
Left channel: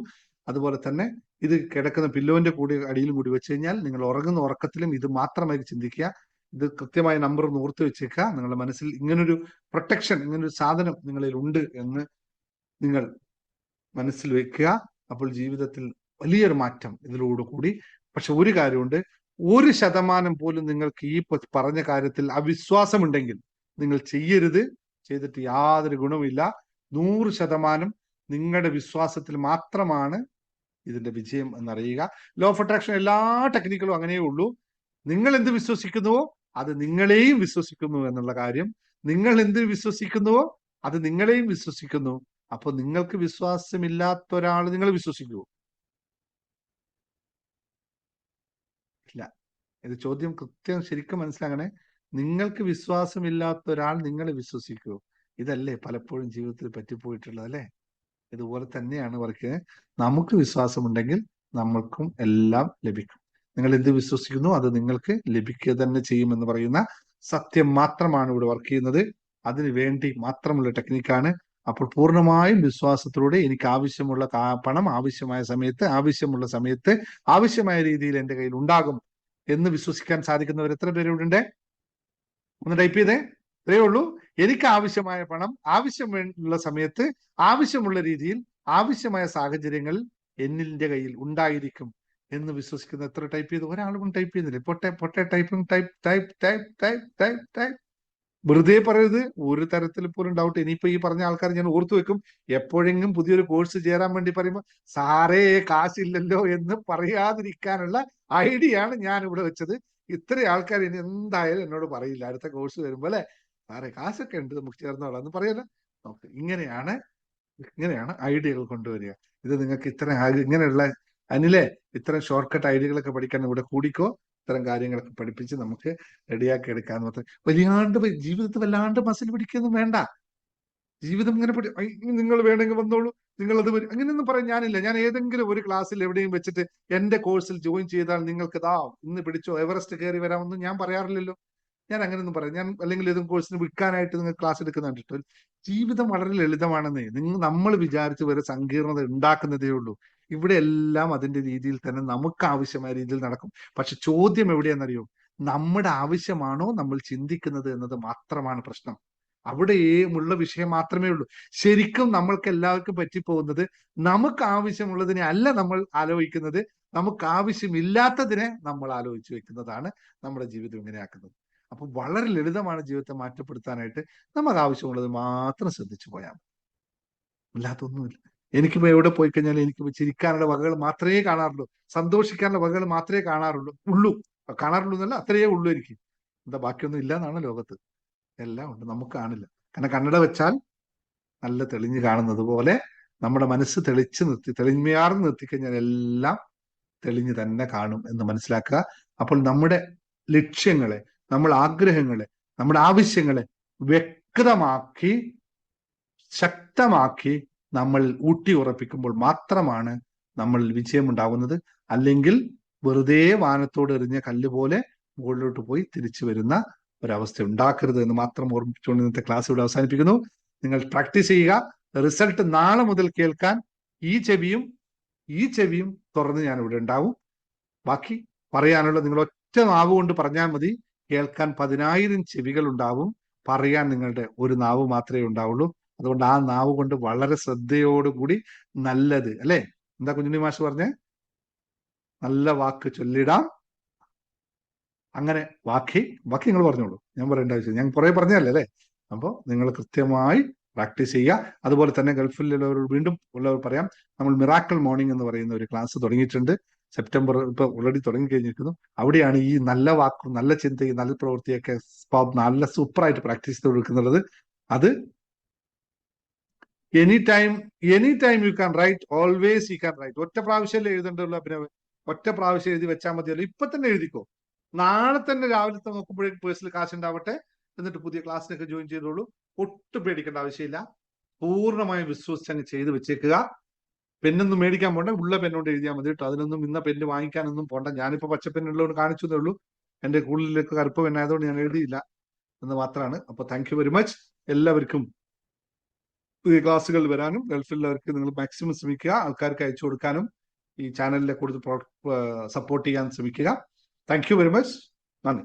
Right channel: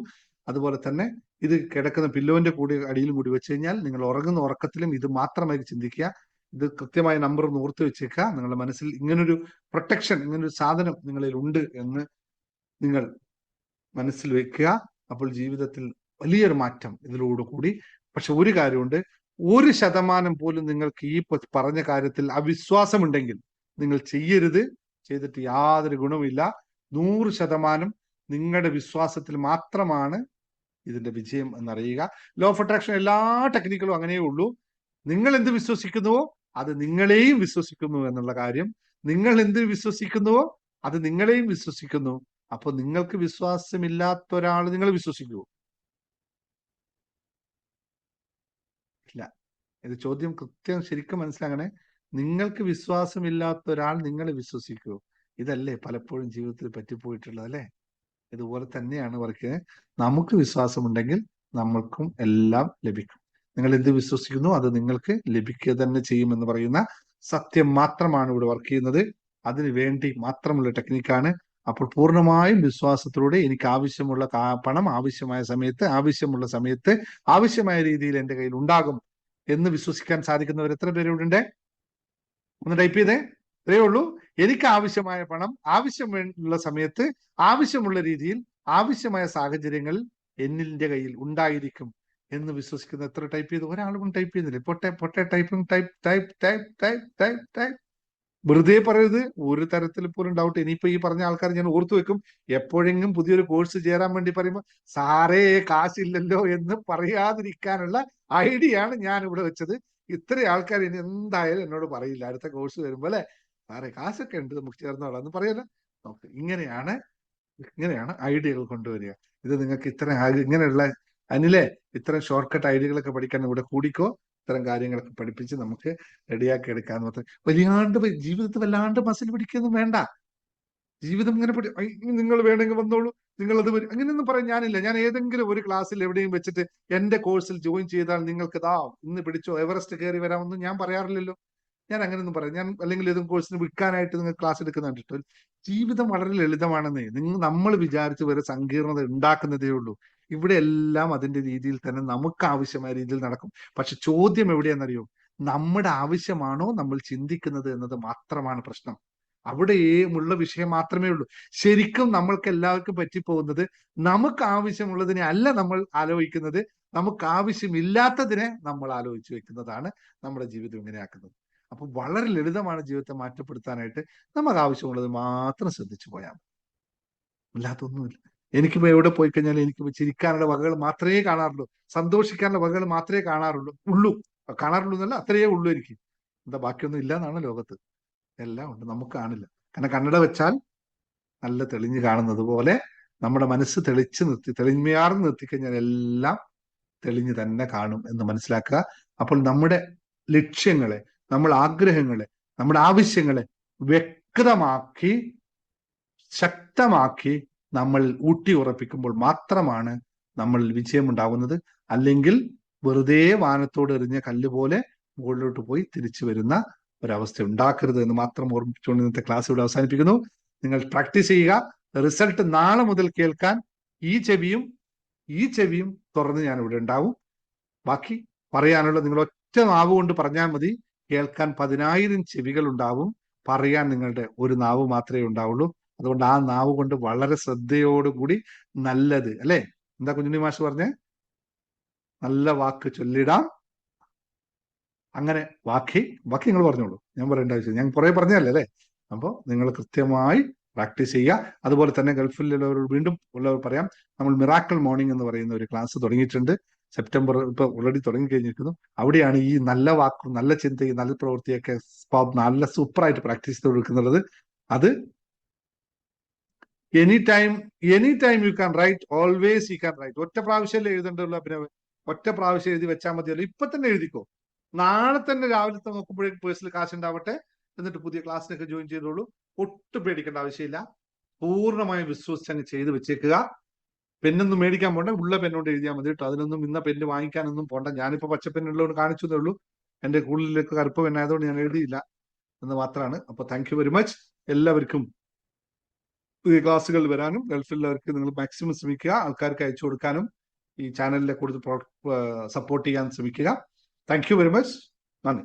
അതുപോലെ തന്നെ ഇത് കിടക്കുന്ന പില്ലോന്റെ കൂടി അടിയിലും കൂടി വെച്ച് കഴിഞ്ഞാൽ നിങ്ങൾ ഉറങ്ങുന്ന ഉറക്കത്തിലും ഇത് മാത്രമായി ചിന്തിക്കുക. ഇത് കൃത്യമായ നമ്പർ ഒന്ന് ഓർത്ത് വെച്ചേക്കുക. നിങ്ങളുടെ മനസ്സിൽ ഇങ്ങനൊരു പ്രൊട്ടക്ഷൻ, ഇങ്ങനൊരു സാധനം നിങ്ങളിൽ ഉണ്ട് എന്ന് നിങ്ങൾ മനസ്സിൽ വെക്കുക. അപ്പോൾ ജീവിതത്തിൽ വലിയൊരു മാറ്റം ഇതിലൂടെ കൂടി. പക്ഷെ ഒരു കാര്യമുണ്ട്, 1% പോലും നിങ്ങൾക്ക് ഈ പറഞ്ഞ കാര്യത്തിൽ അവിശ്വാസമുണ്ടെങ്കിൽ നിങ്ങൾ ചെയ്യരുത്. ചെയ്തിട്ട് യാതൊരു ഗുണവുമില്ല. 100% നിങ്ങളുടെ വിശ്വാസത്തിൽ മാത്രമാണ് ഇതിന്റെ വിജയം എന്നറിയുക. ലോ ഓഫ് അട്രാക്ഷൻ എല്ലാ ടെക്നിക്കലും അങ്ങനെയേ ഉള്ളൂ. നിങ്ങൾ എന്ത് വിശ്വസിക്കുന്നുവോ അത് നിങ്ങളെയും വിശ്വസിക്കുന്നു എന്നുള്ള കാര്യം. നിങ്ങൾ എന്ത് വിശ്വസിക്കുന്നുവോ അത് നിങ്ങളെയും വിശ്വസിക്കുന്നു. അപ്പൊ നിങ്ങൾക്ക് വിശ്വാസമില്ലാത്ത ഒരാൾ നിങ്ങൾ വിശ്വസിക്കുവോ? ഇല്ല. ഇത് ചോദ്യം കൃത്യം ശരിക്കും മനസ്സിലാക്കണേ. നിങ്ങൾക്ക് വിശ്വാസമില്ലാത്ത ഒരാൾ നിങ്ങൾ വിശ്വസിക്കുവോ? ഇതല്ലേ പലപ്പോഴും ജീവിതത്തിൽ പറ്റിപ്പോയിട്ടുള്ളത് അല്ലെ? ഇതുപോലെ തന്നെയാണ് അവർക്ക്. നമുക്ക് വിശ്വാസമുണ്ടെങ്കിൽ നമ്മൾക്കും എല്ലാം ലഭിക്കും. നിങ്ങൾ എന്ത് വിശ്വസിക്കുന്നു അത് നിങ്ങൾക്ക് ലഭിക്കുക തന്നെ ചെയ്യുമെന്ന് പറയുന്ന സത്യം മാത്രമാണ് ഇവിടെ വർക്ക് ചെയ്യുന്നത്. അതിനു വേണ്ടി മാത്രമുള്ള ടെക്നിക്കാണ്. അപ്പോൾ പൂർണ്ണമായും വിശ്വാസത്തിലൂടെ എനിക്ക് ആവശ്യമുള്ള പണം ആവശ്യമായ സമയത്ത് ആവശ്യമുള്ള സമയത്ത് ആവശ്യമായ രീതിയിൽ എന്റെ കയ്യിൽ ഉണ്ടാകും എന്ന് വിശ്വസിക്കാൻ സാധിക്കുന്നവർ എത്ര പേരുണ്ട്? ഒന്ന് ടൈപ്പ് ചെയ്തേ. ഇത്രയേ ഉള്ളൂ. എനിക്ക് ആവശ്യമായ പണം ആവശ്യമുള്ള സമയത്ത് ആവശ്യമുള്ള രീതിയിൽ ആവശ്യമായ സാഹചര്യങ്ങളിൽ എന്നിന്റെ കയ്യിൽ ഉണ്ടായിരിക്കും എന്ന് വിശ്വസിക്കുന്ന എത്ര ടൈപ്പ് ചെയ്തു? ഒരാളും ടൈപ്പ് ചെയ്യുന്നില്ലേ? പൊട്ടെ ടൈപ്പിംഗ് ടൈപ്പ്. വെറുതെ പറയരുത്. ഒരു തരത്തിൽ പോലും ഡൗട്ട്. ഇനിയിപ്പോ ഈ പറഞ്ഞ ആൾക്കാർ ഞാൻ ഓർത്തു വെക്കും. എപ്പോഴെങ്കിലും പുതിയൊരു കോഴ്സ് ചേരാൻ വേണ്ടി പറയുമ്പോൾ സാറേ കാശില്ലല്ലോ എന്ന് പറയാതിരിക്കാനുള്ള ഐഡിയ ആണ് ഞാൻ ഇവിടെ വെച്ചത്. ഇത്രയും ആൾക്കാർ ഇനി എന്തായാലും എന്നോട് പറയില്ല അടുത്ത കോഴ്സ് വരുമ്പോ അല്ലെ, സാറേ കാശൊക്കെ ഉണ്ട് നമുക്ക് ചേർന്നോളാം എന്ന് പറയല്ലോ. ഇങ്ങനെയാണ് ഇങ്ങനെയാണ് ഐഡിയകൾ കൊണ്ടുവരിക. ഇത് നിങ്ങൾക്ക് ഇങ്ങനെയുള്ള അനിലെ ഇത്തരം ഷോർട്ട് കട്ട് ഐഡിയകളൊക്കെ പഠിക്കാൻ ഇവിടെ കൂടിക്കോ. ഇത്തരം കാര്യങ്ങളൊക്കെ പഠിപ്പിച്ച് നമുക്ക് റെഡിയാക്കി എടുക്കാൻ മാത്രം. ജീവിതത്തിൽ വല്ലാണ്ട് മസിൽ പിടിക്കൊന്നും വേണ്ട. ജീവിതം ഇങ്ങനെ നിങ്ങൾ വേണമെങ്കിൽ വന്നോളൂ, നിങ്ങൾ അത് അങ്ങനെയൊന്നും പറയാൻ ഞാനില്ല. ഞാൻ ഏതെങ്കിലും ഒരു ക്ലാസ്സിൽ എവിടെയും വെച്ചിട്ട് എന്റെ കോഴ്സിൽ ജോയിൻ ചെയ്താൽ നിങ്ങൾക്ക് ഇന്ന് പിടിച്ചോ എവറസ്റ്റ് കയറി വരാമെന്ന് ഞാൻ പറയാറില്ലല്ലോ. ഞാൻ അങ്ങനെയൊന്നും പറയാം. ഞാൻ അല്ലെങ്കിൽ ഏതും കോഴ്സിന് വിൽക്കാനായിട്ട് നിങ്ങൾ ക്ലാസ് എടുക്കുന്ന കണ്ടിട്ടോ. ജീവിതം വളരെ ലളിതമാണെന്നേ. നമ്മൾ വിചാരിച്ച് വരെ സങ്കീർണത ഉണ്ടാക്കുന്നതേ ഉള്ളൂ. ഇവിടെ എല്ലാം അതിന്റെ രീതിയിൽ തന്നെ നമുക്ക് ആവശ്യമായ രീതിയിൽ നടക്കും. പക്ഷെ ചോദ്യം എവിടെയാണെന്നറിയോ? നമ്മുടെ ആവശ്യമാണോ നമ്മൾ ചിന്തിക്കുന്നത് എന്നത് മാത്രമാണ് പ്രശ്നം. അവിടെയുള്ള വിഷയം മാത്രമേ ഉള്ളൂ. ശരിക്കും നമ്മൾക്ക് എല്ലാവർക്കും പറ്റിപ്പോകുന്നത് നമുക്ക് ആവശ്യമുള്ളതിനെ അല്ല നമ്മൾ ആലോചിക്കുന്നത്, നമുക്ക് ആവശ്യമില്ലാത്തതിനെ നമ്മൾ ആലോചിച്ച് വെക്കുന്നതാണ് നമ്മുടെ ജീവിതം ഇങ്ങനെയാക്കുന്നത്. അപ്പൊ വളരെ ലളിതമാണ് ജീവിതത്തെ മാറ്റപ്പെടുത്താനായിട്ട്. നമുക്ക് ആവശ്യമുള്ളത് മാത്രം ശ്രദ്ധിച്ചു പോയാൽ, അല്ലാത്തൊന്നുമില്ല. എനിക്കിപ്പോ എവിടെ പോയി കഴിഞ്ഞാൽ എനിക്ക് ചിരിക്കാനുള്ള വകകൾ മാത്രമേ കാണാറുള്ളൂ, സന്തോഷിക്കാനുള്ള വകകൾ മാത്രമേ കാണാറുള്ളൂ എന്നല്ല, അത്രയേ ഉള്ളൂ എനിക്ക്. എന്താ ബാക്കിയൊന്നും ഇല്ല എന്നാണ് ലോകത്ത്. എല്ലാം ഉണ്ട്, നമുക്ക് കാണില്ല. കാരണം കണ്ണട വെച്ചാൽ നല്ല തെളിഞ്ഞു കാണുന്നത് പോലെ നമ്മുടെ മനസ്സ് തെളിഞ്ഞാർന്ന് നിർത്തിക്കഴിഞ്ഞാൽ എല്ലാം തെളിഞ്ഞു തന്നെ കാണും എന്ന് മനസ്സിലാക്കുക. അപ്പോൾ നമ്മുടെ ലക്ഷ്യങ്ങളെ, നമ്മുടെ ആഗ്രഹങ്ങളെ, നമ്മുടെ ആവശ്യങ്ങളെ വ്യക്തമാക്കി ശക്തമാക്കി നമ്മൾ ഊട്ടി ഉറപ്പിക്കുമ്പോൾ മാത്രമാണ് നമ്മൾ വിജയമുണ്ടാവുന്നത്. അല്ലെങ്കിൽ വെറുതെ വാനത്തോട് എറിഞ്ഞ കല്ല് പോലെ മുകളിലോട്ട് പോയി തിരിച്ചു വരുന്ന ഒരവസ്ഥ ഉണ്ടാക്കരുത് എന്ന് മാത്രം ഓർമ്മിച്ചുകൊണ്ട് ഇന്നത്തെ ക്ലാസ് ഇവിടെ അവസാനിപ്പിക്കുന്നു. നിങ്ങൾ പ്രാക്ടീസ് ചെയ്യുക. റിസൾട്ട് നാളെ മുതൽ കേൾക്കാൻ ഈ ചെവിയും തുറന്ന് ഞാൻ ഇവിടെ ഉണ്ടാവും. ബാക്കി പറയാനുള്ള നിങ്ങൾ ഒറ്റ നാവ് കൊണ്ട് പറഞ്ഞാൽ മതി. കേൾക്കാൻ 10,000 ചെവികൾ ഉണ്ടാവും, പറയാൻ നിങ്ങളുടെ ഒരു നാവ് മാത്രമേ ഉണ്ടാവുള്ളൂ. അതുകൊണ്ട് ആ നാവ് കൊണ്ട് വളരെ ശ്രദ്ധയോടുകൂടി നല്ലത് അല്ലെ, എന്താ കുഞ്ഞുണ്ണി മാഷ് പറഞ്ഞേ, നല്ല വാക്ക് ചൊല്ലിടാം. അങ്ങനെ ബാക്കി നിങ്ങൾ പറഞ്ഞോളൂ, ഞാൻ പറയേണ്ട ആവശ്യം, ഞാൻ കുറെ പറഞ്ഞല്ലേ അല്ലെ. അപ്പോൾ നിങ്ങൾ കൃത്യമായി പ്രാക്ടീസ് ചെയ്യുക. അതുപോലെ തന്നെ ഗൾഫിലുള്ളവർ വീണ്ടും ഉള്ളവർ പറയാം, നമ്മൾ മിറാക്കിൾ മോർണിംഗ് എന്ന് പറയുന്ന ഒരു ക്ലാസ് തുടങ്ങിയിട്ടുണ്ട്. സെപ്റ്റംബർ ഇപ്പൊ ഓൾറെഡി തുടങ്ങി കഴിഞ്ഞിരിക്കുന്നു. അവിടെയാണ് ഈ നല്ല വാക്കും നല്ല ചിന്തയും നല്ല പ്രവൃത്തിയൊക്കെ നല്ല സൂപ്പറായിട്ട് പ്രാക്ടീസ് ചെയ്ത് കൊടുക്കുന്നുള്ളത്. അത് any time you can write, always you can write. ഒറ്റ പ്രാവശ്യമല്ലേ എഴുതണ്ടുള്ളൂ അഭിനവ്, ഒറ്റ പ്രാവശ്യം എഴുതി വെച്ചാൽ മതിയല്ലോ. ഇപ്പൊ തന്നെ എഴുതിക്കോ, നാളെ തന്നെ രാവിലത്തെ നോക്കുമ്പോഴേക്കും പേഴ്സണൽ കാശ് ഉണ്ടാവട്ടെ. എന്നിട്ട് പുതിയ ക്ലാസ്സിനൊക്കെ ജോയിൻ ചെയ്തോളൂ. ഒട്ടും പേടിക്കേണ്ട ആവശ്യമില്ല. പൂർണ്ണമായും വിശ്വസിച്ച് അങ്ങ് ചെയ്ത് വെച്ചേക്കുക. പെന്നൊന്നും മേടിക്കാൻ പോണ്ട, ഉള്ള പെന്നോണ്ട് എഴുതിയാൽ മതി കേട്ടോ. അതിനൊന്നും ഇന്ന പെന്ന് വാങ്ങിക്കാനൊന്നും പോണ്ട. ഞാനിപ്പോ പച്ചപ്പെന്നുള്ളതുകൊണ്ട് കാണിച്ചതേ ഉള്ളൂ. എന്റെ കൂടുതലേക്ക് കറുപ്പ് പെന്നായതുകൊണ്ട് ഞാൻ എഴുതിയില്ല എന്ന് മാത്രമാണ്. അപ്പൊ താങ്ക് യു വെരി മച്ച്. എല്ലാവർക്കും പുതിയ ക്ലാസ്സുകൾ വരാനും ഗൾഫിലുള്ളവർക്ക് നിങ്ങൾ മാക്സിമം ശ്രമിക്കുക, ആൾക്കാർക്ക് അയച്ചു കൊടുക്കാനും ഈ ചാനലിലെ കൂടുതൽ സപ്പോർട്ട് ചെയ്യാൻ ശ്രമിക്കുക. Thank you very much. നന്ദി.